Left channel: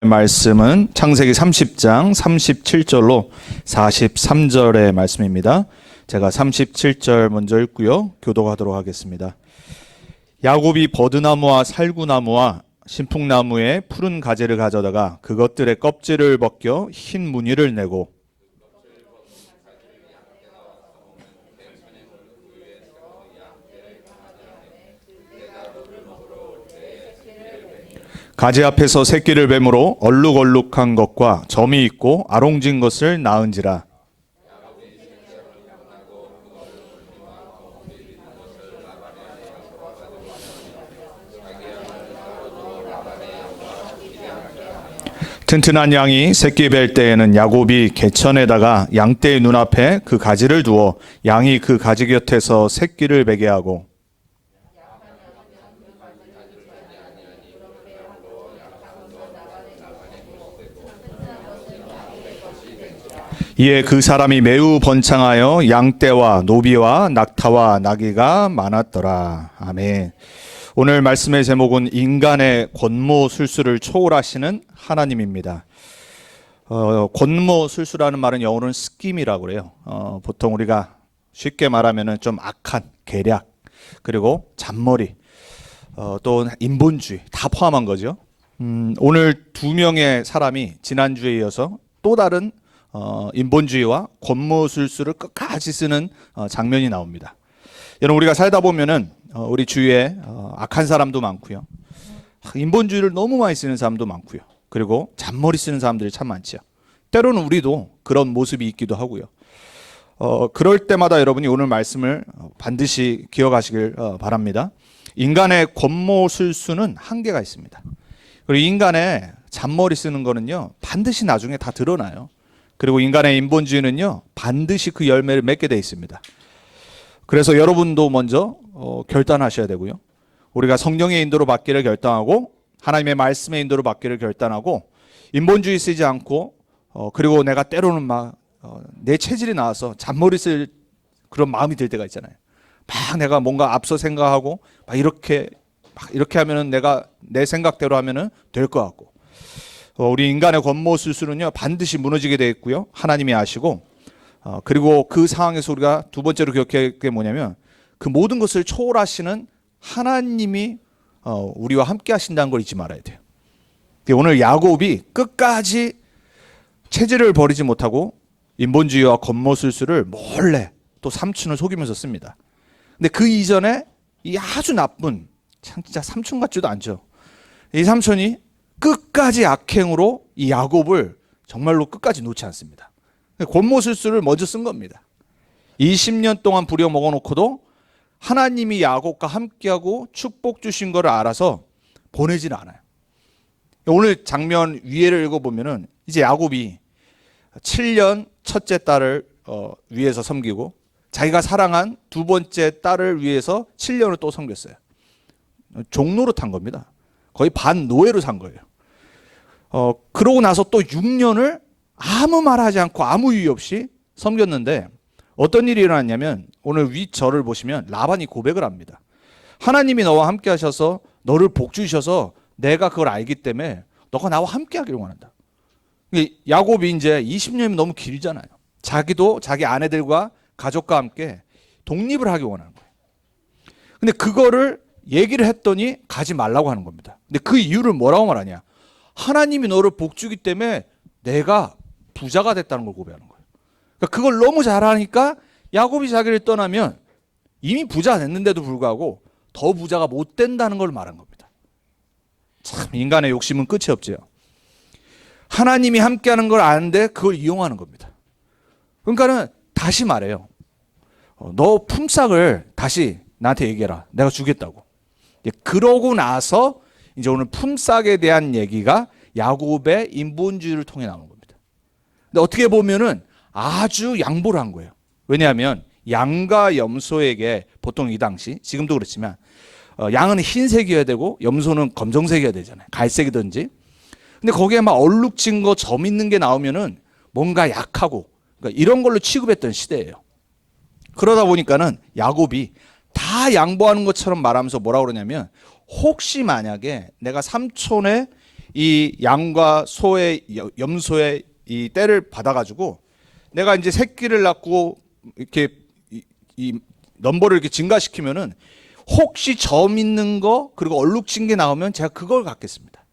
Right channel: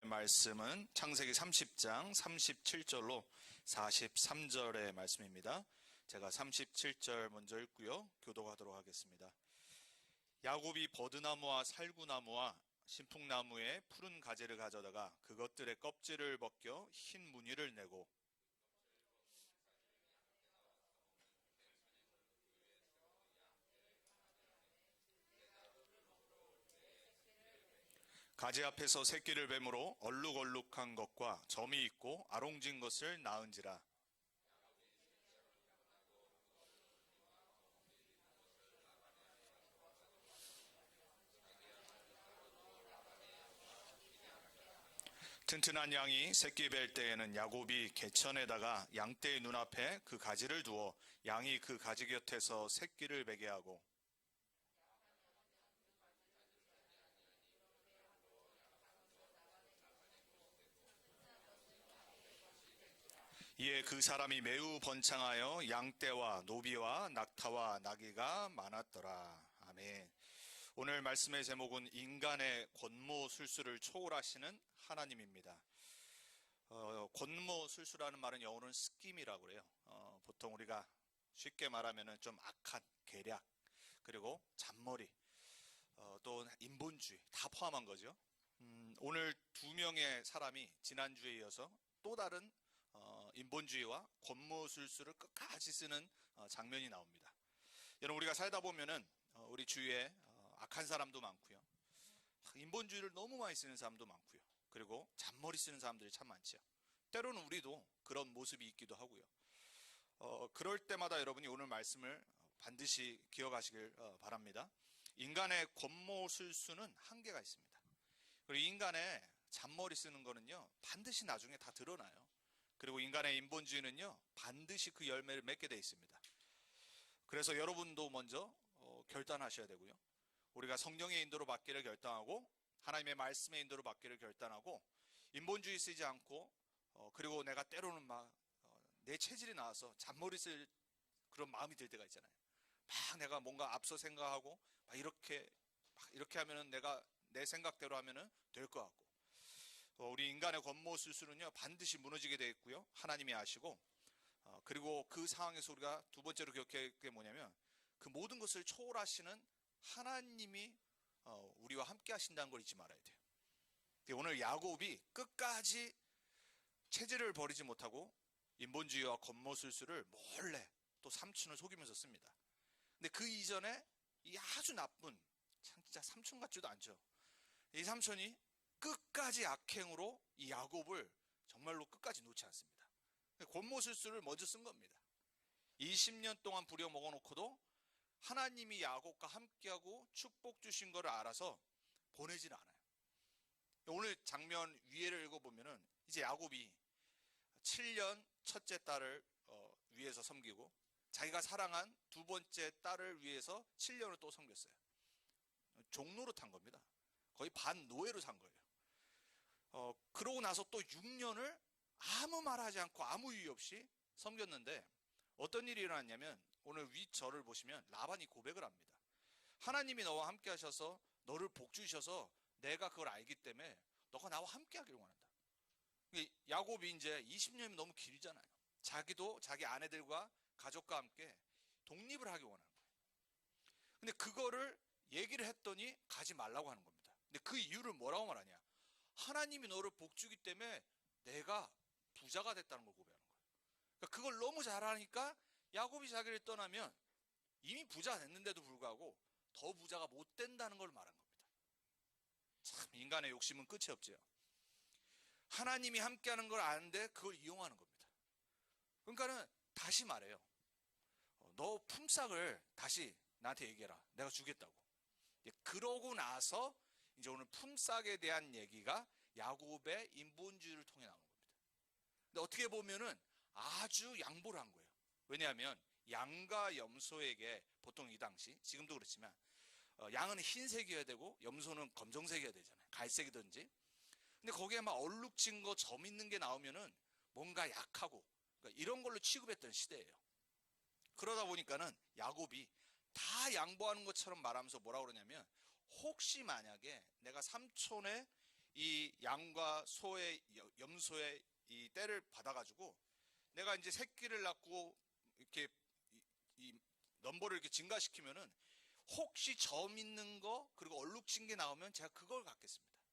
말씀은 창세기 30장 37절로 43절의 말씀입니다. 제가 37절 먼저 읽고요. 교독하도록 하겠습니다. 야곱이 버드나무와 살구나무와 신풍나무의 푸른 가지를 가져다가 그것들의 껍질을 벗겨 흰 무늬를 내고 가지 앞에서 새끼를 뱀으로 얼룩얼룩한 것과 점이 있고 아롱진 것을 낳은지라. 튼튼한 양이 새끼 뵐 때에는 야곱이 개천에다가 양떼의 눈앞에 그 가지를 두어 양이 그 가지 곁에서 새끼를 베게 하고 이에 그 사람이 매우 번창하여 양떼와 노비와 낙타와 나귀가 많았더라. 아멘. 오늘 말씀의 제목은 인간의 권모술수를 초월하시는 하나님입니다. 권모술수라는 말은 영어로는 스킴이라고 그래요. 보통 우리가 쉽게 말하면 좀 악한 계략, 그리고 잔머리, 또 인본주의 다 포함한 거죠. 오늘 두 명의 사람이 지난주에 이어서 또 다른 인본주의와 권모술수를 끝까지 쓰는 장면이 나옵니다. 여러분, 우리가 살다 보면은 우리 주위에 악한 사람도 많고요, 인본주의를 너무 많이 쓰는 사람도 많고요, 그리고 잔머리 쓰는 사람들이 참 많죠. 때로는 우리도 그런 모습이 있기도 하고요. 그럴 때마다 여러분이 오늘 말씀을 반드시 기억하시길 바랍니다. 인간의 권모술수는 한계가 있습니다. 그리고 인간의 잔머리 쓰는 거는요, 반드시 나중에 다 드러나요. 그리고 인간의 인본주의는요, 반드시 그 열매를 맺게 돼 있습니다. 그래서 여러분도 먼저 결단하셔야 되고요. 우리가 성령의 인도로 받기를 결단하고 하나님의 말씀의 인도로 받기를 결단하고 인본주의 쓰지 않고 그리고 내가 때로는 막 내 체질이 나와서 잔머리 쓸 그런 마음이 들 때가 있잖아요. 막 내가 뭔가 앞서 생각하고 막 이렇게 하면은 내가 내 생각대로 하면은 될 것 같고, 우리 인간의 권모술수는요 반드시 무너지게 되어 있고요, 하나님이 아시고, 그리고 그 상황에서 우리가 두 번째로 기억해야 게 뭐냐면 그 모든 것을 초월하시는 하나님이 우리와 함께 하신다는 걸 잊지 말아야 돼요. 오늘 야곱이 끝까지 체질을 버리지 못하고 인본주의와 권모술수를 몰래 또 삼촌을 속이면서 씁니다. 근데 그 이전에 이 아주 나쁜, 진짜 삼촌 같지도 않죠, 이 삼촌이 끝까지 악행으로 이 야곱을 정말로 끝까지 놓지 않습니다. 권모술수를 먼저 쓴 겁니다. 20년 동안 부려먹어 놓고도 하나님이 야곱과 함께하고 축복 주신 것을 알아서 보내지는 않아요. 오늘 장면 위에를 읽어보면은 이제 야곱이 7년 첫째 딸을 위해서 섬기고 자기가 사랑한 두 번째 딸을 위해서 7년을 또 섬겼어요. 종노릇 한 겁니다. 거의 반노예로 산 거예요. 그러고 나서 또 6년을 아무 말하지 않고 아무 이유 없이 섬겼는데 어떤 일이 일어났냐면 오늘 위 절을 보시면 라반이 고백을 합니다. 하나님이 너와 함께 하셔서 너를 복주셔서 내가 그걸 알기 때문에 너가 나와 함께 하기를 원한다. 야곱이 이제 20년이면 너무 길잖아요. 자기도 자기 아내들과 가족과 함께 독립을 하기 원하는 거예요. 근데 그거를 얘기를 했더니 가지 말라고 하는 겁니다. 근데 그 이유를 뭐라고 말하냐? 하나님이 너를 복주기 때문에 내가 부자가 됐다는 걸 고백하는 거예요. 그러니까 그걸 너무 잘하니까 야곱이 자기를 떠나면 이미 부자가 됐는데도 불구하고 더 부자가 못 된다는 걸 말한 겁니다. 참, 인간의 욕심은 끝이 없죠. 하나님이 함께하는 걸 아는데 그걸 이용하는 겁니다. 그러니까는 다시 말해요. 너 품삯을 다시 나한테 얘기해라. 내가 주겠다고. 그러고 나서 이제 오늘 품삯에 대한 얘기가 야곱의 인본주의를 통해 나오는 겁니다. 근데 어떻게 보면은 아주 양보를 한 거예요. 왜냐하면 양과 염소에게 보통 이 당시, 지금도 그렇지만 양은 흰색이어야 되고 염소는 검정색이어야 되잖아요. 갈색이든지. 근데 거기에 막 얼룩진 거, 점 있는 게 나오면은 뭔가 약하고, 그러니까 이런 걸로 취급했던 시대예요. 그러다 보니까는 야곱이 다 양보하는 것처럼 말하면서 뭐라 그러냐면 혹시 만약에 내가 삼촌의 이 양과 소의 염소의 이 떼를 받아가지고 내가 이제 새끼를 낳고 이렇게 이 넘버를 이렇게 증가시키면은 혹시 점 있는 거 그리고 얼룩진 게 나오면 제가 그걸 갖겠습니다.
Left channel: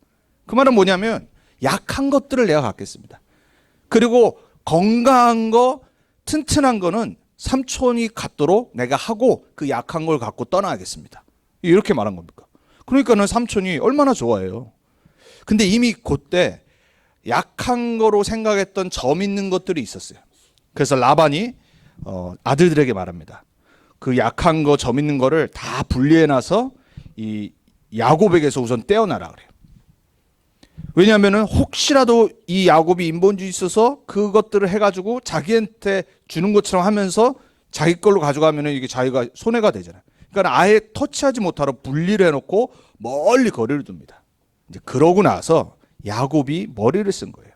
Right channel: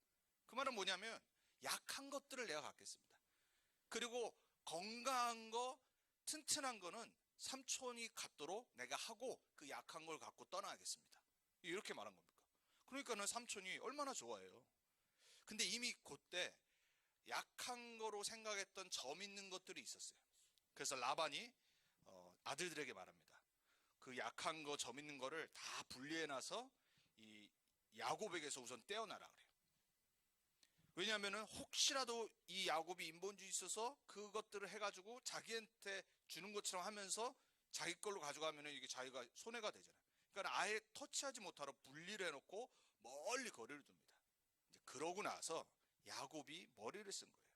그 말은 뭐냐면 약한 것들을 내가 갖겠습니다. 그리고 건강한 거 튼튼한 거는 삼촌이 갖도록 내가 하고 그 약한 걸 갖고 떠나야겠습니다. 이렇게 말한 겁니까? 그러니까는 삼촌이 얼마나 좋아해요. 근데 이미 그때 약한 거로 생각했던 점 있는 것들이 있었어요. 그래서 라반이 아들들에게 말합니다. 그 약한 거 점 있는 거를 다 분리해놔서 이 야곱에게서 우선 떼어놔라 그래요. 왜냐하면은 혹시라도 이 야곱이 인본주의 있어서 그것들을 해가지고 자기한테 주는 것처럼 하면서 자기 걸로 가져가면은 이게 자기가 손해가 되잖아요. 그러니까 아예 터치하지 못하도록 분리를 해놓고 멀리 거리를 둡니다. 이제 그러고 나서 야곱이 머리를 쓴 거예요.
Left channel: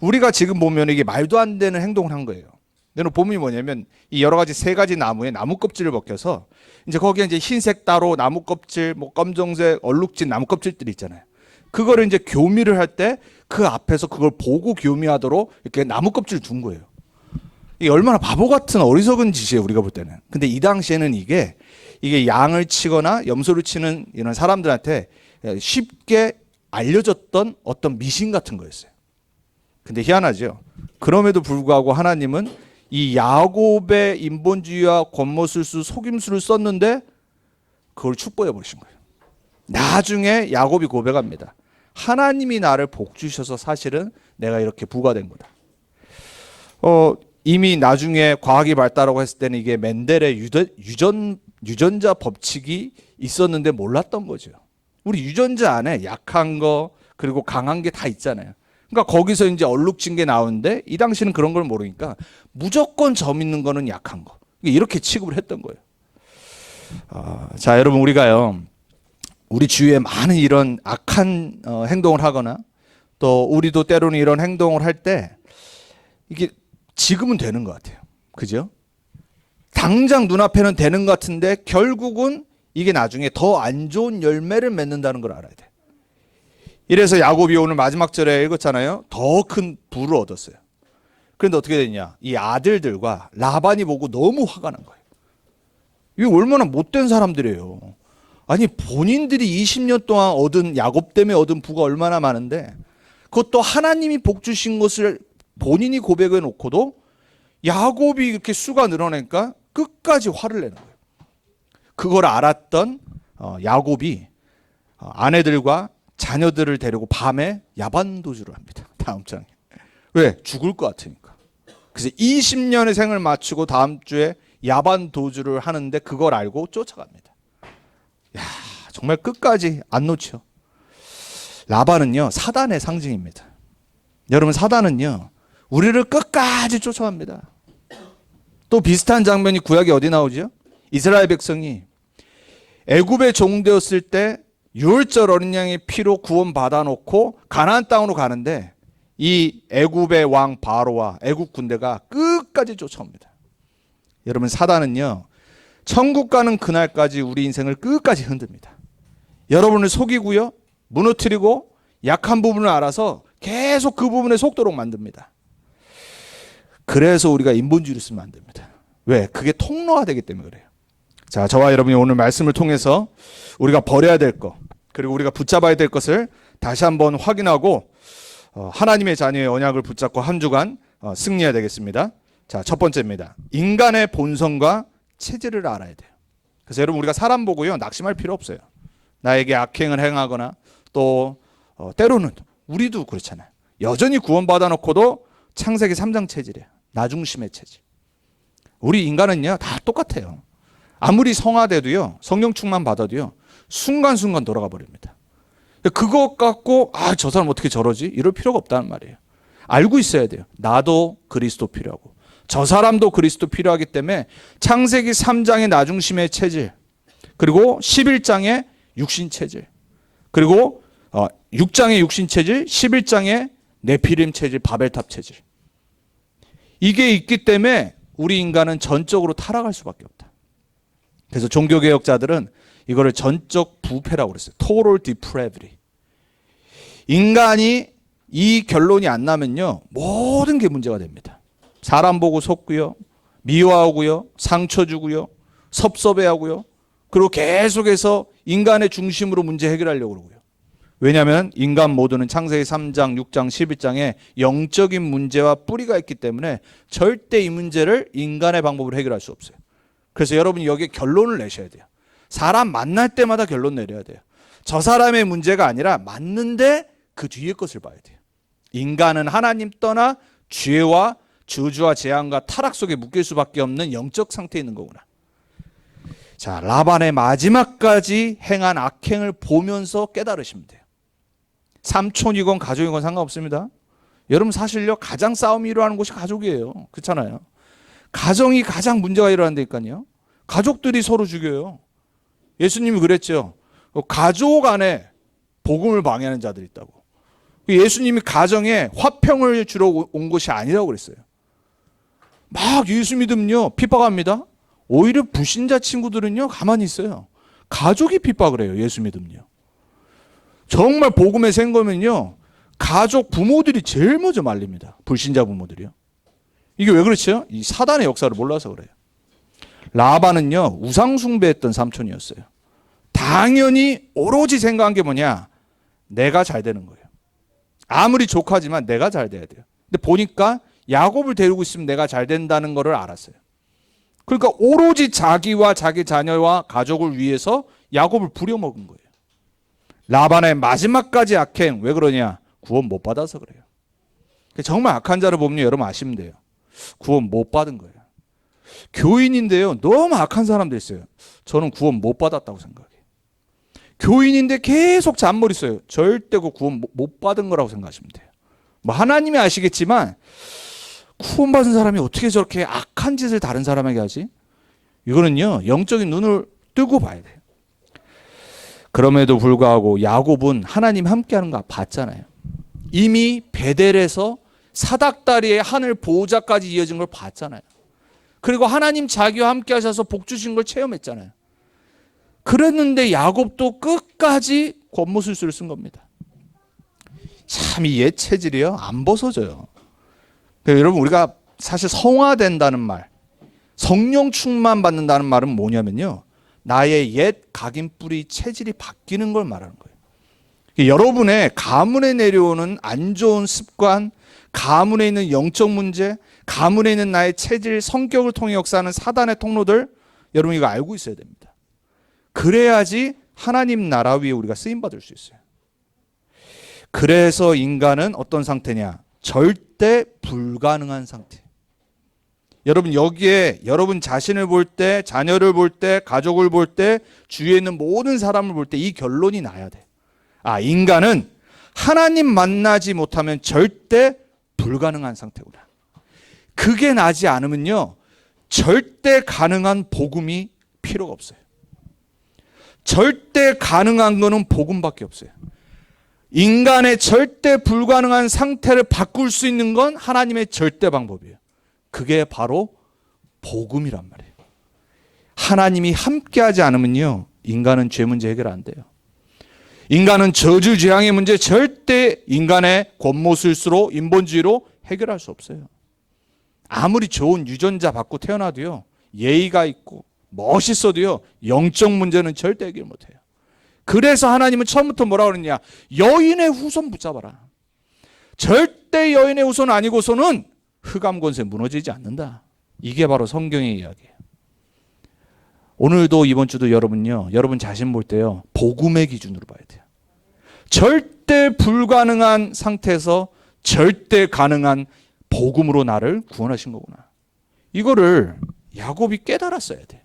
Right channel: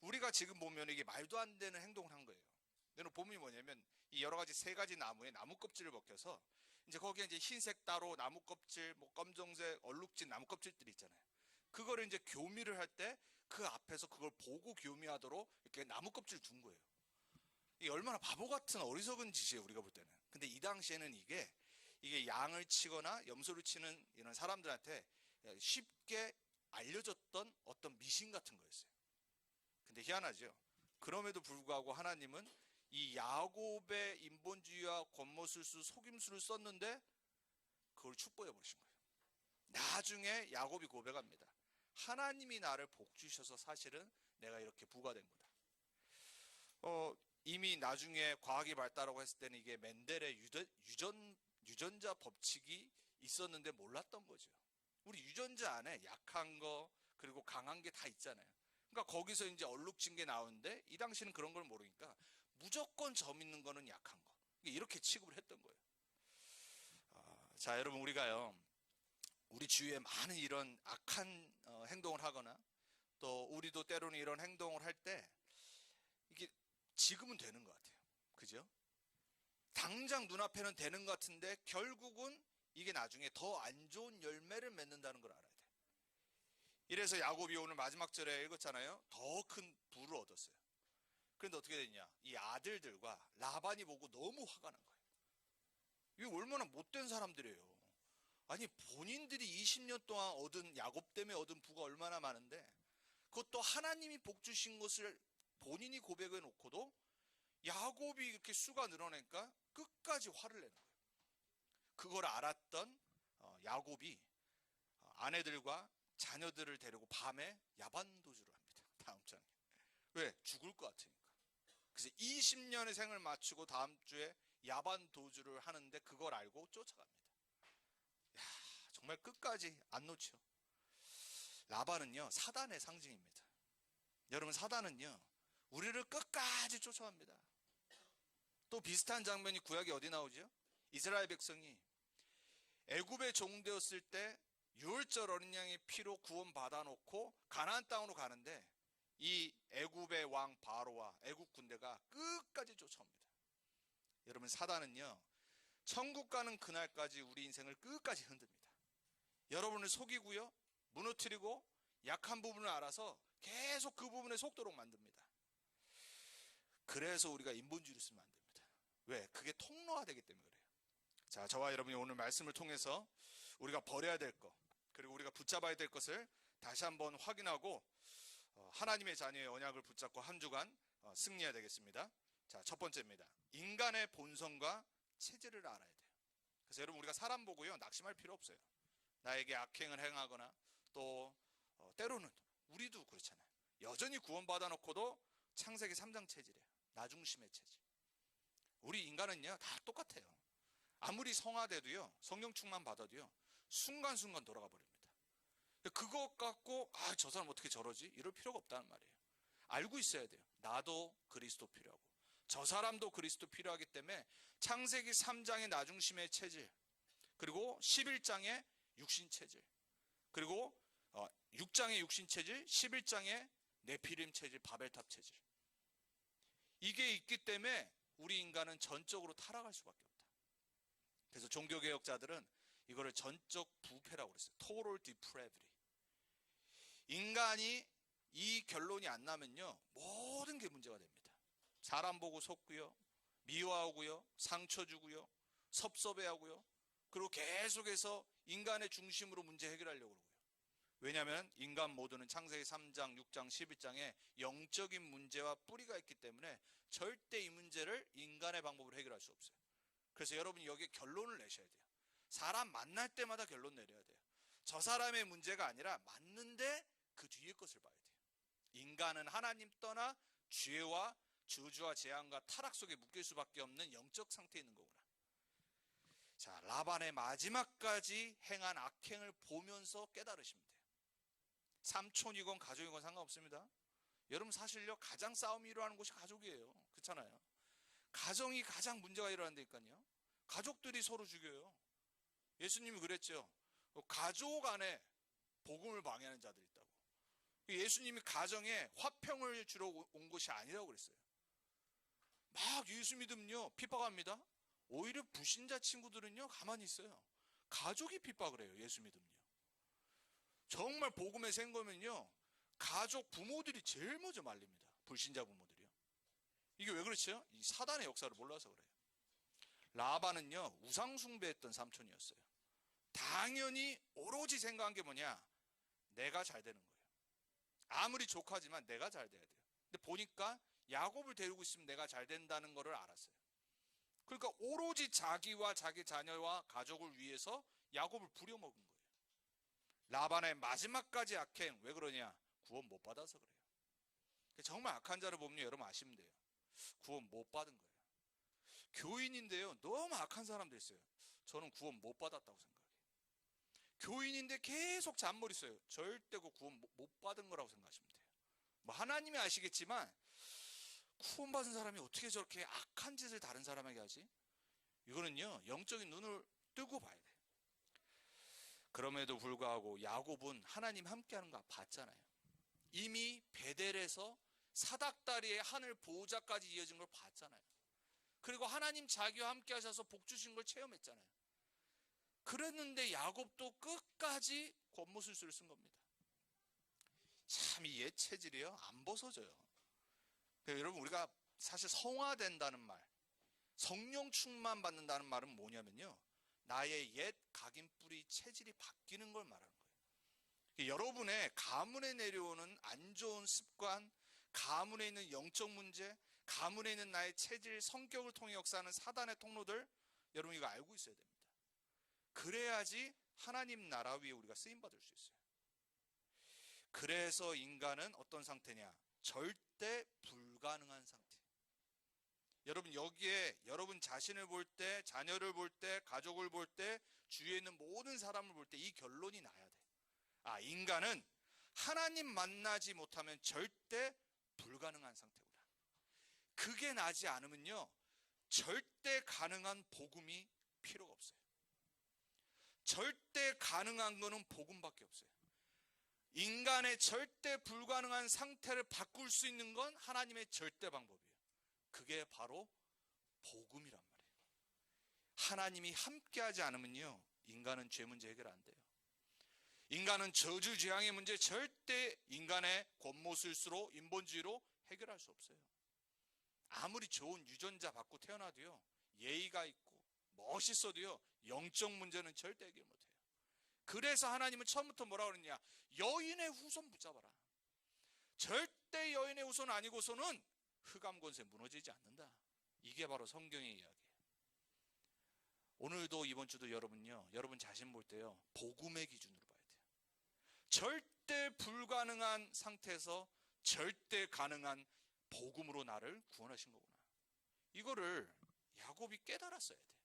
우리가 지금 보면 이게 말도 안 되는 행동을 한 거예요. 근데 본문이 뭐냐면 이 여러 가지 세 가지 나무에 나무 껍질을 벗겨서 이제 거기에 이제 흰색 따로 나무 껍질, 뭐 검정색 얼룩진 나무 껍질들이 있잖아요. 그거를 이제 교미를 할 때 그 앞에서 그걸 보고 교미하도록 이렇게 나무 껍질을 둔 거예요. 이게 얼마나 바보 같은 어리석은 짓이에요, 우리가 볼 때는. 근데 이 당시에는 이게 양을 치거나 염소를 치는 이런 사람들한테 쉽게 알려졌던 어떤 미신 같은 거였어요. 근데 희한하죠. 그럼에도 불구하고 하나님은 이 야곱의 인본주의와 권모술수, 속임수를 썼는데 그걸 축복해 버리신 거예요. 나중에 야곱이 고백합니다. 하나님이 나를 복 주셔서 사실은 내가 이렇게 부가 된 거다. 이미 나중에 과학이 발달하고 했을 때는 이게 멘델의 유전자 법칙이 있었는데 몰랐던 거죠. 우리 유전자 안에 약한 거 그리고 강한 게 다 있잖아요. 그러니까 거기서 이제 얼룩진 게 나오는데 이 당시는 그런 걸 모르니까 무조건 점 있는 거는 약한 거. 이렇게 취급을 했던 거예요. 자, 여러분 우리가요. 우리 주위에 많은 이런 악한 행동을 하거나 또 우리도 때로는 이런 행동을 할 때 이게 지금은 되는 것 같아요. 그죠? 당장 눈앞에는 되는 것 같은데 결국은 이게 나중에 더 안 좋은 열매를 맺는다는 걸 알아야 돼. 이래서 야곱이 오늘 마지막 절에 읽었잖아요. 더 큰 부를 얻었어요. 그런데 어떻게 됐냐? 이 아들들과 라반이 보고 너무 화가 난 거예요. 이게 얼마나 못된 사람들이에요. 아니 본인들이 20년 동안 얻은 야곱 때문에 얻은 부가 얼마나 많은데 그것도 하나님이 복 주신 것을 본인이 고백해 놓고도 야곱이 이렇게 수가 늘어나니까 끝까지 화를 내는 거예요. 그걸 알았던 야곱이 아내들과 자녀들을 데리고 밤에 야반도주를 합니다. 다음 장에. 왜? 죽을 것 같으니까. 그래서 20년의 생을 마치고 다음 주에 야반도주를 하는데 그걸 알고 쫓아갑니다. 야, 정말 끝까지 안 놓쳐. 라반은요 사단의 상징입니다. 여러분 사단은요 우리를 끝까지 쫓아갑니다. 또 비슷한 장면이 구약에 어디 나오죠? 이스라엘 백성이 애굽의 종되었을 때 유월절 어린 양의 피로 구원 받아놓고 가나안 땅으로 가는데 이 애굽의 왕 바로와 애굽 군대가 끝까지 쫓아옵니다. 여러분 사단은요 천국 가는 그날까지 우리 인생을 끝까지 흔듭니다. 여러분을 속이고요 무너뜨리고 약한 부분을 알아서 계속 그 부분에 속도록 만듭니다. 그래서 우리가 인본주의를 쓰면 안 됩니다. 왜? 그게 통로화되기 때문에 그래요. 자, 저와 여러분이 오늘 말씀을 통해서 우리가 버려야 될 것 그리고 우리가 붙잡아야 될 것을 다시 한번 확인하고 하나님의 자녀의 언약을 붙잡고 한 주간 승리해야 되겠습니다. 자, 첫 번째입니다. 인간의 본성과 체질을 알아야 돼요. 그래서 여러분 우리가 사람 보고요 낙심할 필요 없어요. 나에게 악행을 행하거나 또 때로는 우리도 그렇잖아요. 여전히 구원받아 놓고도 창세기 3장 체질이에요. 나중심의 체질. 우리 인간은요 다 똑같아요. 아무리 성화돼도요 성령 충만 받아도요 순간순간 돌아가 버립니다. 그것 갖고 저 사람 어떻게 저러지? 이럴 필요가 없다는 말이에요. 알고 있어야 돼요. 나도 그리스도 필요하고 저 사람도 그리스도 필요하기 때문에 창세기 3장의 나중심의 체질 그리고 11장의 육신 체질 그리고 6장의 육신 체질 11장의 네피림 체질 바벨탑 체질 이게 있기 때문에 우리 인간은 전적으로 타락할 수밖에 없다. 그래서 종교개혁자들은 이거를 전적 부패라고 그랬어요. Total depravity. 인간이 이 결론이 안 나면요, 모든 게 문제가 됩니다. 사람 보고 속고요, 미워하고요, 상처 주고요, 섭섭해하고요, 그리고 계속해서 인간의 중심으로 문제 해결하려고 그러고요. 왜냐하면 인간 모두는 창세기 3장, 6장, 11장에 영적인 문제와 뿌리가 있기 때문에 절대 이 문제를 인간의 방법으로 해결할 수 없어요. 그래서 여러분이 여기에 결론을 내셔야 돼요. 사람 만날 때마다 결론 내려야 돼요. 저 사람의 문제가 아니라 맞는데 그 뒤에 것을 봐야 돼요. 인간은 하나님 떠나 죄와 저주와 재앙과 타락 속에 묶일 수밖에 없는 영적 상태에 있는 거구나. 자, 라반의 마지막까지 행한 악행을 보면서 깨달으시면 돼요. 삼촌이건 가족이건 상관없습니다. 여러분 사실요, 가장 싸움이 일어나는 곳이 가족이에요. 그렇잖아요. 가정이 가장 문제가 일어난다니까요. 가족들이 서로 죽여요. 예수님이 그랬죠. 가족 안에 복음을 방해하는 자들이 있다고. 예수님이 가정에 화평을 주러 온 것이 아니라고 그랬어요. 막 예수 믿으면요 핍박합니다. 오히려 불신자 친구들은요 가만히 있어요. 가족이 핍박을 해요. 예수 믿으면요. 정말 복음에 센 거면요 가족 부모들이 제일 먼저 말립니다. 불신자 부모들이요. 이게 왜 그렇죠? 이 사단의 역사를 몰라서 그래요. 라반은요 우상 숭배했던 삼촌이었어요. 당연히 오로지 생각한 게 뭐냐, 내가 잘 되는 거예요. 아무리 조카지만 내가 잘 돼야 돼요. 근데 보니까 야곱을 데리고 있으면 내가 잘 된다는 거를 알았어요. 그러니까 오로지 자기와 자기 자녀와 가족을 위해서 야곱을 부려먹은 거예요. 라반의 마지막까지 악행, 왜 그러냐? 구원 못 받아서 그래요. 정말 악한 자를 보면 여러분 아시면 돼요. 구원 못 받은 거예요. 교인인데요 너무 악한 사람도 있어요. 저는 구원 못 받았다고 생각해요. 교인인데 계속 잔머리 써요. 절대 그 구원 못 받은 거라고 생각하시면 돼요. 뭐 하나님이 아시겠지만 구원받은 사람이 어떻게 저렇게 악한 짓을 다른 사람에게 하지? 이거는요 영적인 눈을 뜨고 봐야 돼요. 그럼에도 불구하고 야곱은 하나님 함께하는 거 봤잖아요. 이미 베델에서 사닥다리의 하늘 보호자까지 이어진 걸 봤잖아요. 그리고 하나님 자기와 함께 하셔서 복 주신 걸 체험했잖아요. 그랬는데 야곱도 끝까지 권모술수를 쓴 겁니다. 참 이 옛 체질이요 안 벗어져요. 여러분 우리가 사실 성화된다는 말, 성령 충만 받는다는 말은 뭐냐면요 나의 옛 각인뿌리 체질이 바뀌는 걸 말하는 거예요. 여러분의 가문에 내려오는 안 좋은 습관, 가문에 있는 영적 문제, 가문에 있는 나의 체질, 성격을 통해 역사하는 사단의 통로들, 여러분 이거 알고 있어야 됩니다. 그래야지 하나님 나라 위에 우리가 쓰임받을 수 있어요. 그래서 인간은 어떤 상태냐? 절대 불가능한 상태. 여러분 여기에 여러분 자신을 볼 때, 자녀를 볼 때, 가족을 볼 때, 주위에 있는 모든 사람을 볼 때 이 결론이 나야 돼. 아, 인간은 하나님 만나지 못하면 절대 불가능한 상태구나. 그게 나지 않으면요 절대 가능한 복음이 필요가 없어요. 절대 가능한 거는 복음밖에 없어요. 인간의 절대 불가능한 상태를 바꿀 수 있는 건 하나님의 절대 방법이에요. 그게 바로 복음이란 말이에요. 하나님이 함께하지 않으면요 인간은 죄 문제 해결 안 돼요. 인간은 저주 재앙의 문제 절대 인간의 권모술수로 인본주의로 해결할 수 없어요. 아무리 좋은 유전자 받고 태어나도요 예의가 있고 멋있어도요 영적 문제는 절대 해결 못해요. 그래서 하나님은 처음부터 뭐라고 그러냐, 여인의 후손 붙잡아라. 절대 여인의 후손 아니고서는 흑암 권세 무너지지 않는다. 이게 바로 성경의 이야기예요. 오늘도 이번 주도 여러분요 여러분 자신 볼 때요 복음의 기준으로 봐야 돼요. 절대 불가능한 상태에서 절대 가능한 복음으로 나를 구원하신 거구나. 이거를 야곱이 깨달았어야 돼.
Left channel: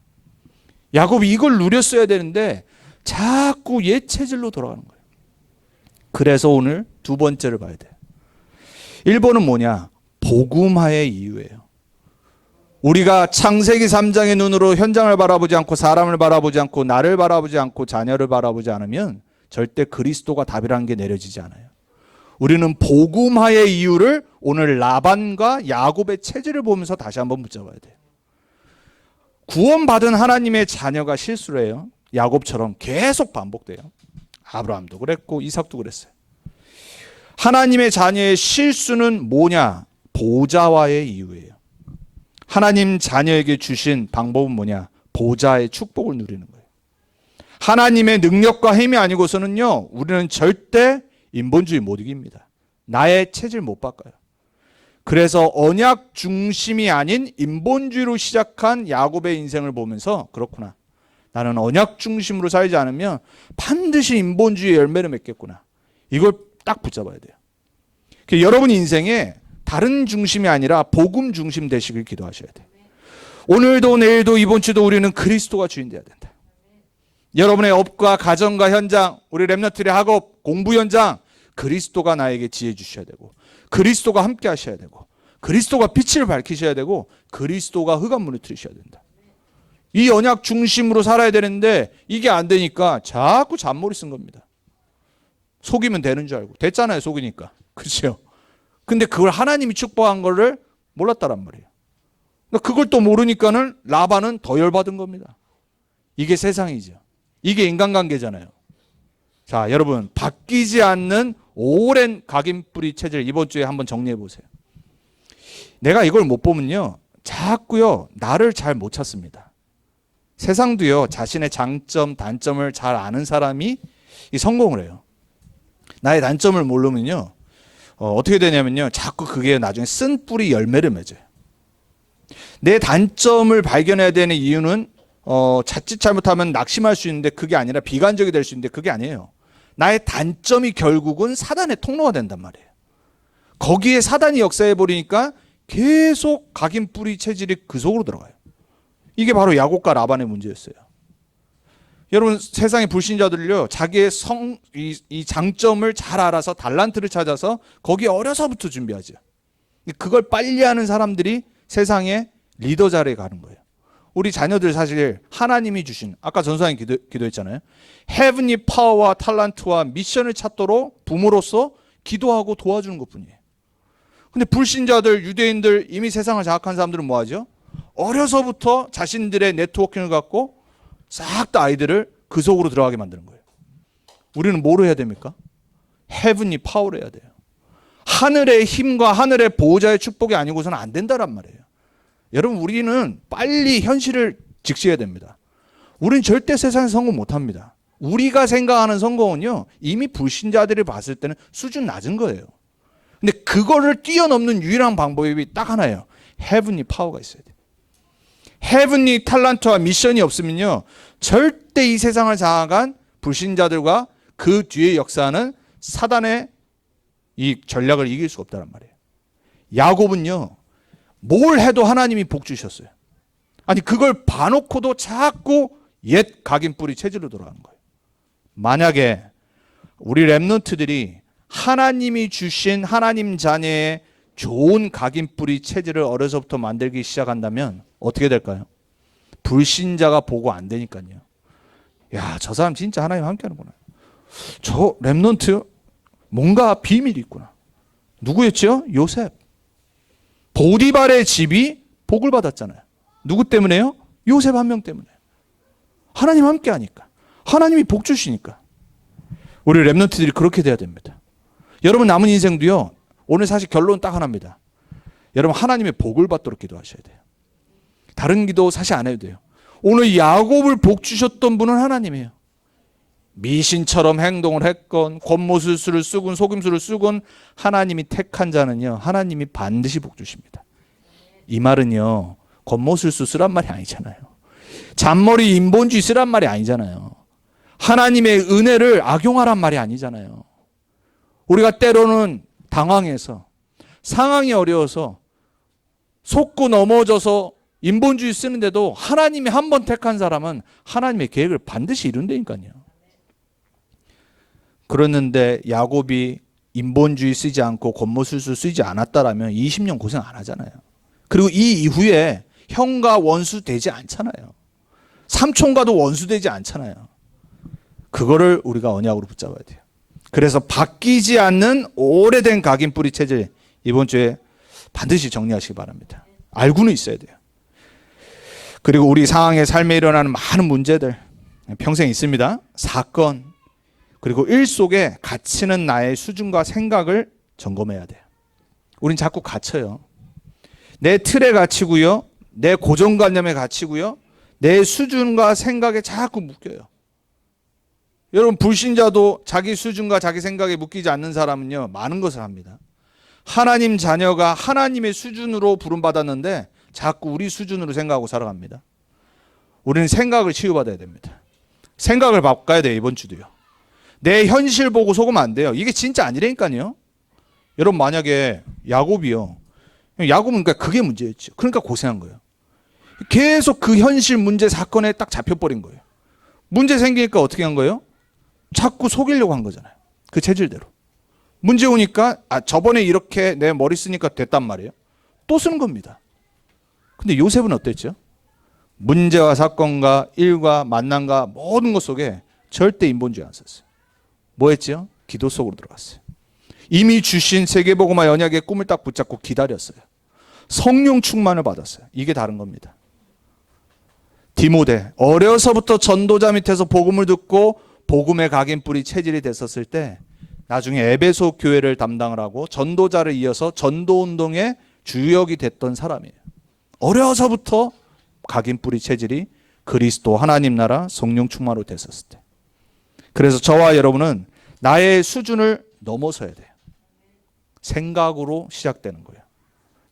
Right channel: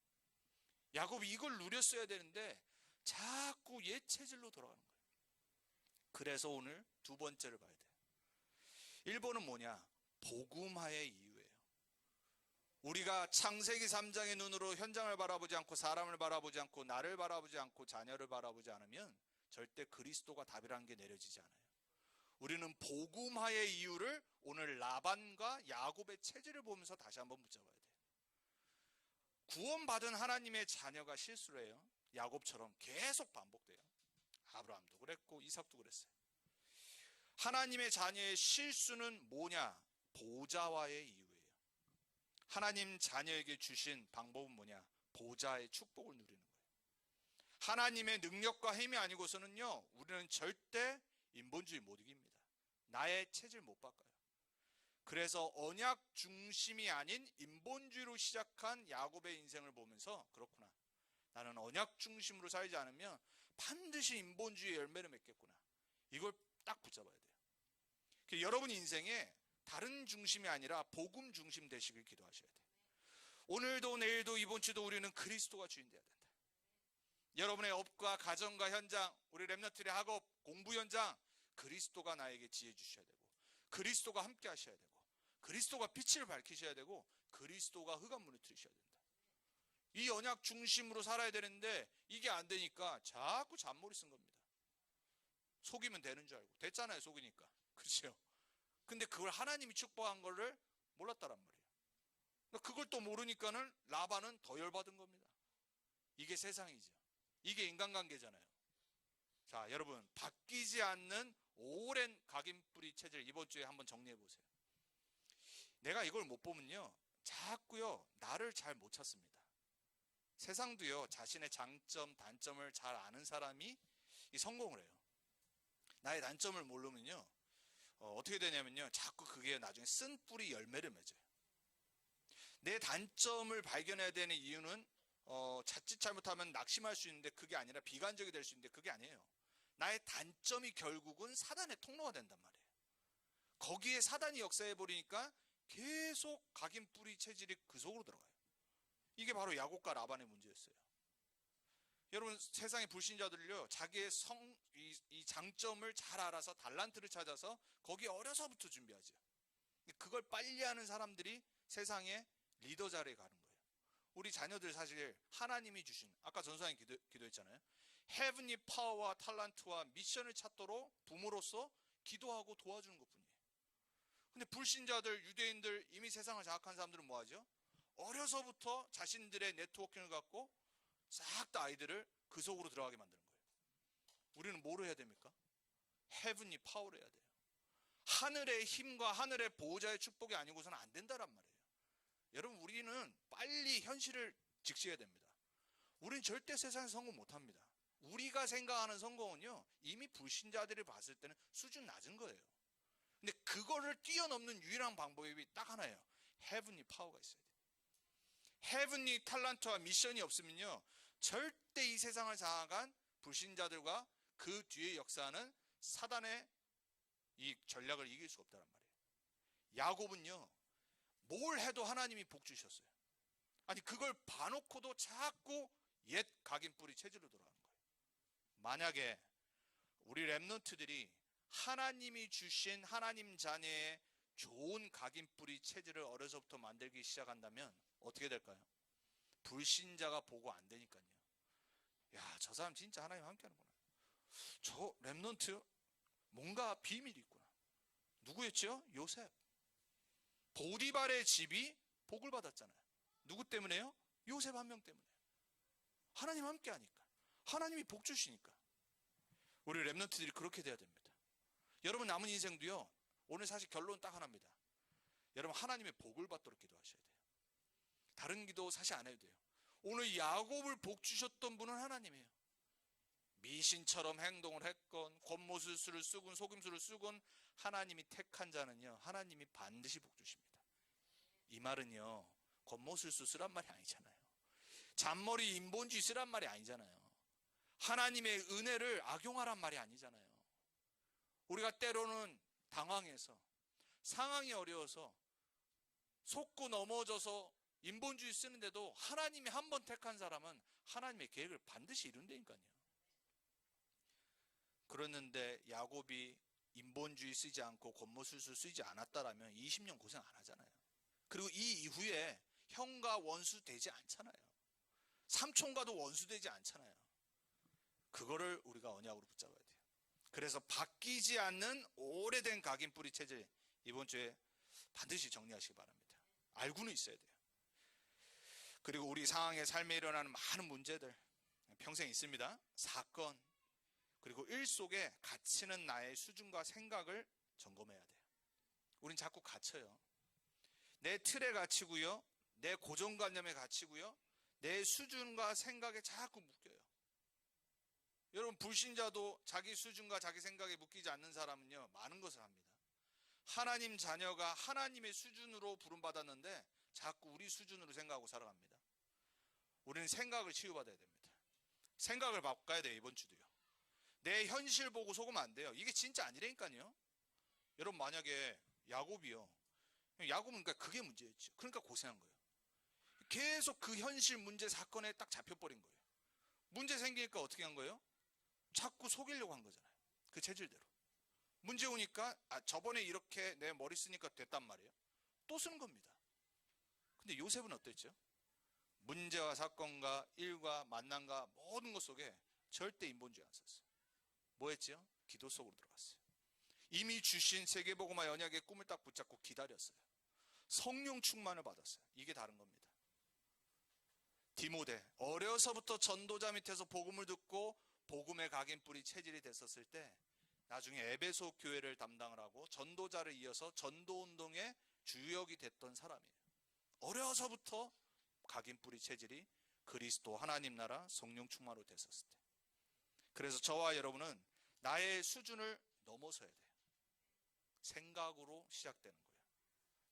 야곱이 이걸 누렸어야 되는데 자꾸 옛 체질로 돌아가는 거예요. 그래서 오늘 두 번째를 봐야 돼요. 1번은 뭐냐? 복음화의 이유예요. 우리가 창세기 3장의 눈으로 현장을 바라보지 않고 사람을 바라보지 않고 나를 바라보지 않고 자녀를 바라보지 않으면 절대 그리스도가 답이라는 게 내려지지 않아요. 우리는 복음화의 이유를 오늘 라반과 야곱의 체질을 보면서 다시 한번 붙잡아야 돼요. 구원받은 하나님의 자녀가 실수를 해요. 야곱처럼 계속 반복돼요. 아브라함도 그랬고 이삭도 그랬어요. 하나님의 자녀의 실수는 뭐냐? 보좌와의 이유예요. 하나님 자녀에게 주신 방법은 뭐냐? 보좌의 축복을 누리는 거예요. 하나님의 능력과 힘이 아니고서는요, 우리는 절대 인본주의 못 이깁니다. 나의 체질 못 바꿔요. 그래서 언약 중심이 아닌 인본주의로 시작한 야곱의 인생을 보면서, 그렇구나, 나는 언약 중심으로 살지 않으면 반드시 인본주의의 열매를 맺겠구나, 이걸 딱 붙잡아야 돼요. 여러분 인생에 다른 중심이 아니라 복음 중심 되시길 기도하셔야 돼요. 오늘도 내일도 이번 주도 우리는 그리스도가 주인 되어야 된다. 여러분의 업과 가정과 현장, 우리 렘넌트의 학업, 공부 현장, 그리스도가 나에게 지혜 주셔야 되고, 그리스도가 함께 하셔야 되고, 그리스도가 빛을 밝히셔야 되고, 그리스도가 흑암문을 트리셔야 된다. 이 언약 중심으로 살아야 되는데 이게 안 되니까 자꾸 잔머리 쓴 겁니다. 속이면 되는 줄 알고. 됐잖아요, 속이니까. 그렇죠? 근데 그걸 하나님이 축복한 거를 몰랐다란 말이에요. 그걸 또 모르니까는 라반은 더 열받은 겁니다. 이게 세상이죠. 이게 인간관계잖아요. 자, 여러분, 바뀌지 않는 오랜 각인뿌리 체질, 이번 주에 한번 정리해 보세요. 내가 이걸 못 보면요, 자꾸요 나를 잘 못 찾습니다. 세상도요 자신의 장점, 단점을 잘 아는 사람이 성공을 해요. 나의 단점을 모르면요 어떻게 되냐면요, 자꾸 그게 나중에 쓴 뿌리 열매를 맺어요. 내 단점을 발견해야 되는 이유는 자칫 잘못하면 낙심할 수 있는데 그게 아니라 비관적이 될 수 있는데 그게 아니에요. 나의 단점이 결국은 사단의 통로가 된단 말이에요. 거기에 사단이 역사해 버리니까 계속 각인 뿌리 체질이 그 속으로 들어가요. 이게 바로 야곱과 라반의 문제였어요. 여러분, 세상의 불신자들요 자기의 이 장점을 잘 알아서 달란트를 찾아서 거기에 어려서부터 준비하죠. 그걸 빨리 하는 사람들이 세상의 리더 자리에 가는 거예요. 우리 자녀들 사실 하나님이 주신, 아까 전사님 기도했잖아요. 헤븐리 파워와 탤런트와 미션을 찾도록 부모로서 기도하고 도와주는 것뿐이에요. 근데 불신자들, 유대인들, 이미 세상을 장악한 사람들은 뭐 하죠? 어려서부터 자신들의 네트워킹을 갖고 싹 다 아이들을 그 속으로 들어가게 만드는 거예요. 우리는 뭐로 해야 됩니까? 헤븐리 파워로 해야 돼요. 하늘의 힘과 하늘의 보호자의 축복이 아니고서는 안 된다란 말이에요. 여러분, 우리는 빨리 현실을 직시해야 됩니다. 우리는 절대 세상에서 성공 못합니다. 우리가 생각하는 성공은요 이미 불신자들이 봤을 때는 수준 낮은 거예요. 근데 그거를 뛰어넘는 유일한 방법이 딱 하나예요. 헤븐리 파워가 있어야 돼요. 헤븐리 탤런트와 미션이 없으면요 절대 이 세상을 장악한 불신자들과 그 뒤에 역사하는 사단의 이 전략을 이길 수 없다는 말이에요. 야곱은요 뭘 해도 하나님이 복 주셨어요. 아니 그걸 봐놓고도 자꾸 옛 각인뿌리 체질로 돌아가는 거예요. 만약에 우리 렘넌트들이 하나님이 주신 하나님 자녀의 좋은 각인뿌리 체질을 어려서부터 만들기 시작한다면 어떻게 될까요? 불신자가 보고 안 되니까요. 야, 저 사람 진짜 하나님 함께 하는구나. 저 렘넌트 뭔가 비밀이 있구나. 누구였죠? 요셉. 보디발의 집이 복을 받았잖아요. 누구 때문에요? 요셉 한 명 때문에. 하나님 함께 하니까. 하나님이 복 주시니까. 우리 렘넌트들이 그렇게 돼야 됩니다. 여러분 남은 인생도요. 오늘 사실 결론은 딱 하나입니다. 여러분 하나님의 복을 받도록 기도하셔야 돼요. 다른 기도 사실 안 해도 돼요. 오늘 야곱을 복 주셨던 분은 하나님이에요. 미신처럼 행동을 했건 권모술수를 쓰건 속임수를 쓰건 하나님이 택한 자는요 하나님이 반드시 복 주십니다. 이 말은요 권모술수 쓰란 말이 아니잖아요. 잔머리 인본주의 쓰란 말이 아니잖아요. 하나님의 은혜를 악용하란 말이 아니잖아요. 우리가 때로는 당황해서 상황이 어려워서 속고 넘어져서 인본주의 쓰는데도 하나님이 한 번 택한 사람은 하나님의 계획을 반드시 이룬다니까요. 그랬는데 야곱이 인본주의 쓰지 않고 권모술수 쓰지 않았다라면 20년 고생 안 하잖아요. 그리고 이 이후에 형과 원수 되지 않잖아요. 삼촌과도 원수 되지 않잖아요. 그거를 우리가 언약으로 붙잡아야 돼요. 그래서 바뀌지 않는 오래된 각인뿌리 체질 이번 주에 반드시 정리하시기 바랍니다. 알고는 있어야 돼요. 그리고 우리 상황의 삶에 일어나는 많은 문제들 평생 있습니다. 사건, 그리고 일 속에 갇히는 나의 수준과 생각을 점검해야 돼요. 우린 자꾸 갇혀요. 내 틀에 갇히고요. 내 고정관념에 갇히고요. 내 수준과 생각에 자꾸 묶여요. 여러분, 불신자도 자기 수준과 자기 생각에 묶이지 않는 사람은요, 많은 것을 합니다. 하나님 자녀가 하나님의 수준으로 부름받았는데 자꾸 우리 수준으로 생각하고 살아갑니다. 우리는 생각을 치유받아야 됩니다. 생각을 바꿔야 돼요. 이번 주도요. 내 현실 보고 속으면 안 돼요. 이게 진짜 아니라니까요. 여러분, 만약에 야곱이요, 야곱은 그러니까 그게 문제였죠. 그러니까 고생한 거예요. 계속 그 현실 문제 사건에 딱 잡혀버린 거예요. 문제 생기니까 어떻게 한 거예요? 자꾸 속이려고 한 거잖아요. 그 체질대로. 문제 오니까 저번에 이렇게 내 머리 쓰니까 됐단 말이에요. 또 쓰는 겁니다. 근데 요셉은 어땠죠? 문제와 사건과 일과 만남과 모든 것 속에 절대 인본주의 안 썼어요. 뭐 했죠? 기도 속으로 들어갔어요. 이미 주신 세계복음화 언약의 꿈을 딱 붙잡고 기다렸어요. 성령 충만을 받았어요. 이게 다른 겁니다. 디모데, 어려서부터 전도자 밑에서 복음을 듣고 복음의 각인뿌리 체질이 됐었을 때 나중에 에베소 교회를 담당을 하고 전도자를 이어서 전도운동의 주역이 됐던 사람이에요. 어려서부터 각인뿌리 체질이 그리스도 하나님 나라 성령 충만으로 됐었을 때. 그래서 저와 여러분은 나의 수준을 넘어서야 돼요. 생각으로 시작되는 거예요.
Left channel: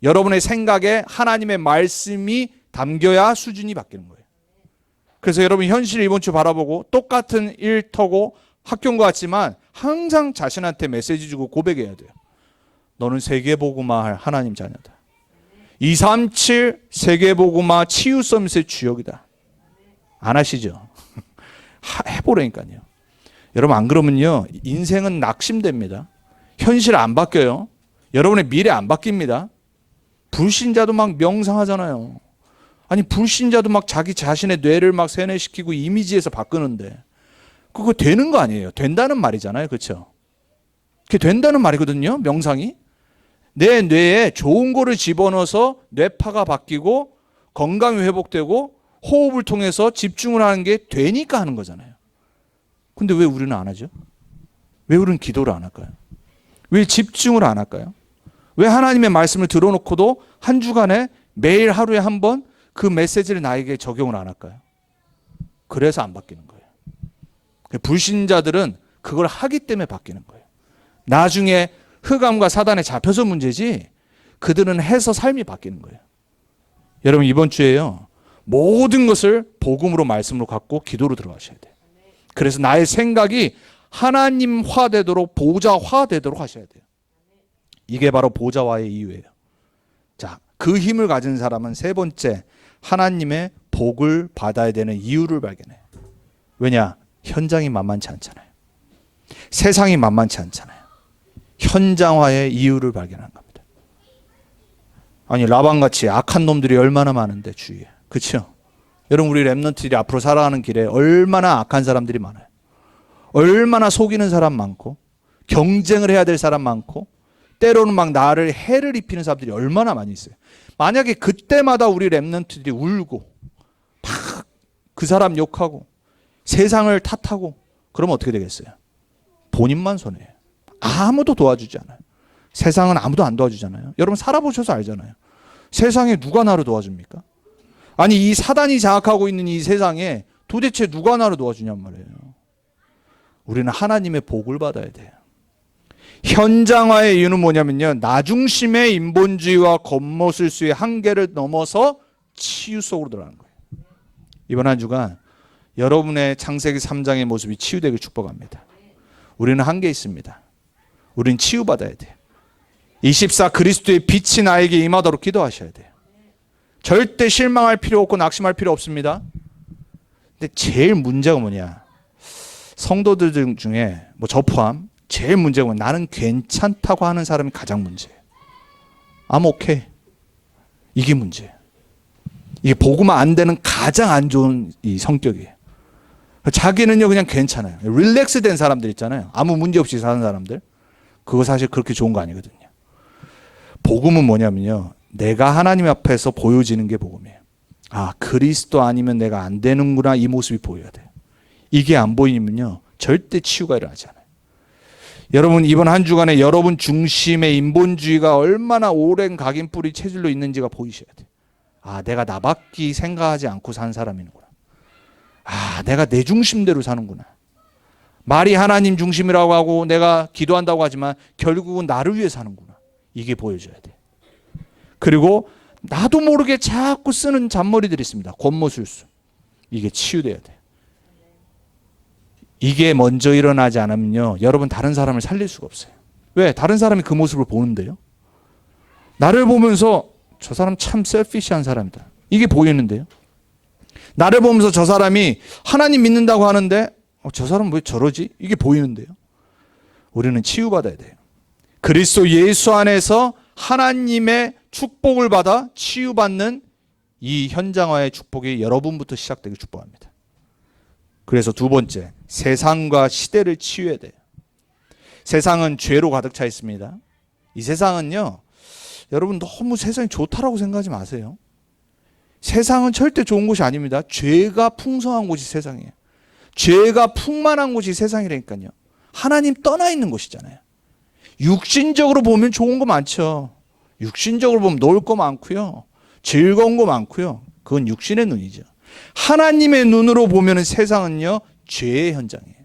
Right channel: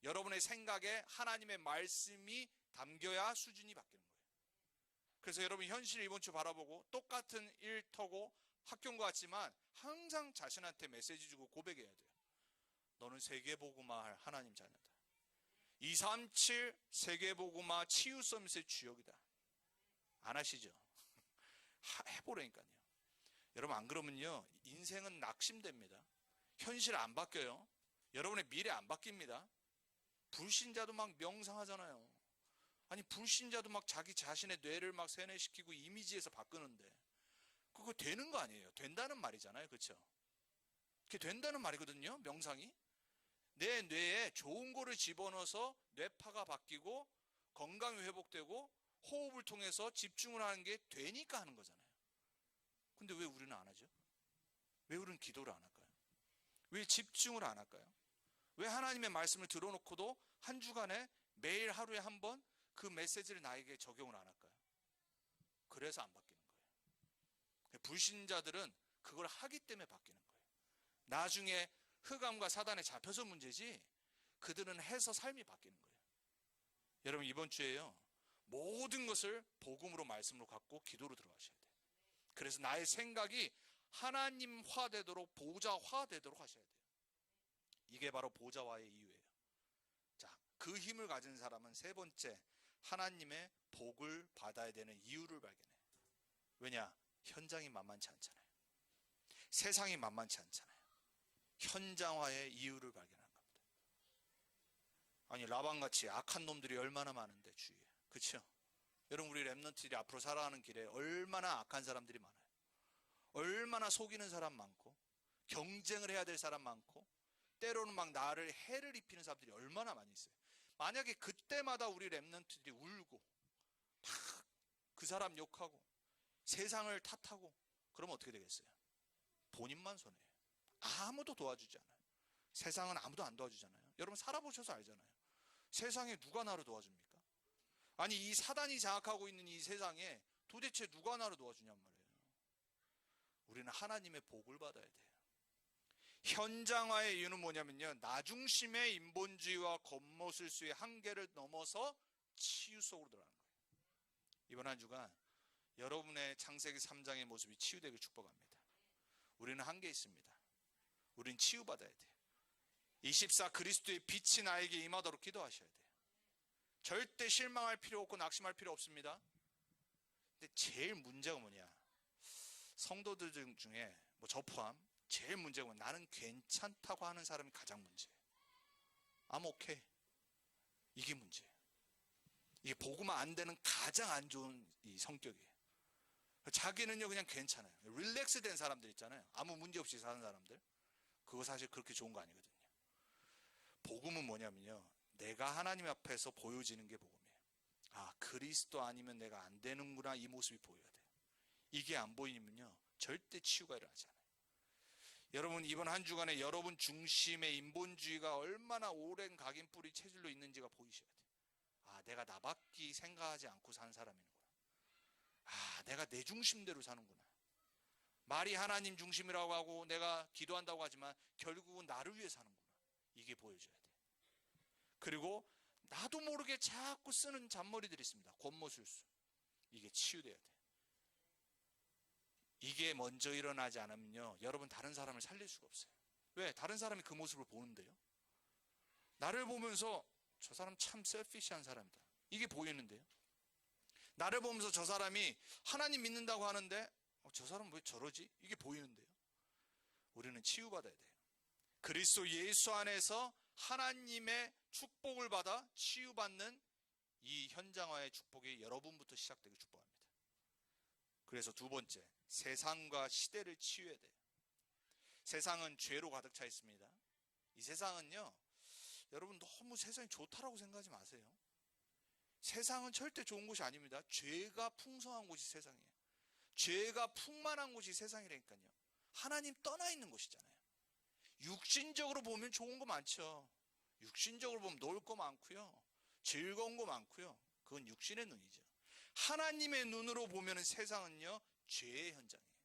여러분의 생각에 하나님의 말씀이 담겨야 수준이 바뀌는 거예요. 그래서 여러분, 현실 이번 주 바라보고 똑같은 일터고 학교인 것 같지만 항상 자신한테 메시지 주고 고백해야 돼요. 너는 세계복음화할 하나님 자녀다. 237 세계복음화 치유 서밋의 주역이다. 안 하시죠? 해보라니까요. 여러분, 안 그러면요, 인생은 낙심됩니다. 현실 안 바뀌어요. 여러분의 미래 안 바뀝니다. 불신자도 막 명상하잖아요. 아니, 불신자도 막 자기 자신의 뇌를 막 세뇌시키고 이미지에서 바꾸는데 그거 되는 거 아니에요. 된다는 말이잖아요. 그렇죠? 그게 된다는 말이거든요. 명상이. 내 뇌에 좋은 거를 집어넣어서 뇌파가 바뀌고 건강이 회복되고 호흡을 통해서 집중을 하는 게 되니까 하는 거잖아요. 근데 왜 우리는 안 하죠? 왜 우리는 기도를 안 할까요? 왜 집중을 안 할까요? 왜 하나님의 말씀을 들어놓고도 한 주간에 매일 하루에 한 번 그 메시지를 나에게 적용을 안 할까요? 그래서 안 바뀌는 거예요. 불신자들은 그걸 하기 때문에 바뀌는 거예요. 나중에 흑암과 사단에 잡혀서 문제지 그들은 해서 삶이 바뀌는 거예요. 여러분, 이번 주에요, 모든 것을 복음으로 말씀으로 갖고 기도로 들어가셔야 돼요. 그래서 나의 생각이 하나님화 되도록, 보좌화 되도록 하셔야 돼요. 이게 바로 보좌화의 이유예요. 자, 그 힘을 가진 사람은 세 번째, 하나님의 복을 받아야 되는 이유를 발견해요. 왜냐? 현장이 만만치 않잖아요. 세상이 만만치 않잖아요. 현장화의 이유를 발견하는 겁니다. 아니, 라반같이 악한 놈들이 얼마나 많은데 주위에. 그렇죠? 여러분, 우리 랩런트들이 앞으로 살아가는 길에 얼마나 악한 사람들이 많아요. 얼마나 속이는 사람 많고 경쟁을 해야 될 사람 많고 때로는 막 나를 해를 입히는 사람들이 얼마나 많이 있어요. 만약에 그때마다 우리 랩런트들이 울고 막 그 사람 욕하고 세상을 탓하고 그러면 어떻게 되겠어요? 본인만 손해예요. 아무도 도와주지 않아요. 세상은 아무도 안 도와주잖아요. 여러분, 살아보셔서 알잖아요. 세상에 누가 나를 도와줍니까? 아니, 이 사단이 장악하고 있는 이 세상에 도대체 누가 나를 도와주냔 말이에요. 우리는 하나님의 복을 받아야 돼요. 현장화의 이유는 뭐냐면요, 나중심의 인본주의와 겉모술수의 한계를 넘어서 치유 속으로 들어가는 거예요. 이번 한 주간 여러분의 창세기 3장의 모습이 치유되길 축복합니다. 우리는 한계 있습니다. 우리는 치유받아야 돼요. 24 그리스도의 빛이 나에게 임하도록 기도하셔야 돼요. 절대 실망할 필요 없고 낙심할 필요 없습니다. 근데 제일 문제가 뭐냐, 성도들 중에 뭐 저 포함 제일 문제가 뭐냐, 나는 괜찮다고 하는 사람이 가장 문제예요. I'm okay. 이게 문제예요. 이게 복음화 안 되는 가장 안 좋은 이 성격이에요. 자기는요 그냥 괜찮아요. 릴렉스 된 사람들 있잖아요. 아무 문제 없이 사는 사람들. 그거 사실 그렇게 좋은 거 아니거든요. 복음은 뭐냐면요, 내가 하나님 앞에서 보여지는 게 복음이에요. 아, 그리스도 아니면 내가 안 되는구나, 이 모습이 보여야 돼요. 이게 안 보이면요 절대 치유가 일어나지 않아요. 여러분 이번 한 주간에 여러분 중심의 인본주의가 얼마나 오랜 각인뿌리 체질로 있는지가 보이셔야 돼요. 아, 내가 나밖에 생각하지 않고 산 사람이구나. 아, 내가 내 중심대로 사는구나. 말이 하나님 중심이라고 하고 내가 기도한다고 하지만 결국은 나를 위해 사는구나. 이게 보여줘야 돼. 그리고 나도 모르게 자꾸 쓰는 잔머리들이 있습니다. 권모술수. 이게 치유돼야 돼. 이게 먼저 일어나지 않으면요, 여러분 다른 사람을 살릴 수가 없어요. 왜? 다른 사람이 그 모습을 보는데요. 나를 보면서 저 사람 참 셀피시한 사람이다. 이게 보이는데요. 나를 보면서 저 사람이 하나님 믿는다고 하는데 저 사람 왜 저러지? 이게 보이는데요. 우리는 치유받아야 돼요. 그리스도 예수 안에서 하나님의 축복을 받아 치유받는 이 현장화의 축복이 여러분부터 시작되길 축복합니다. 그래서 두 번째, 세상과 시대를 치유해야 돼요. 세상은 죄로 가득 차 있습니다. 이 세상은요, 여러분 너무 세상이 좋다라고 생각하지 마세요. 세상은 절대 좋은 곳이 아닙니다. 죄가 풍성한 곳이 세상이에요. 죄가 풍만한 곳이 세상이라니까요. 하나님 떠나 있는 곳이잖아요. 육신적으로 보면 좋은 거 많죠. 육신적으로 보면 놀 거 많고요. 즐거운 거 많고요. 그건 육신의 눈이죠. 하나님의 눈으로 보면 세상은요, 죄의 현장이에요.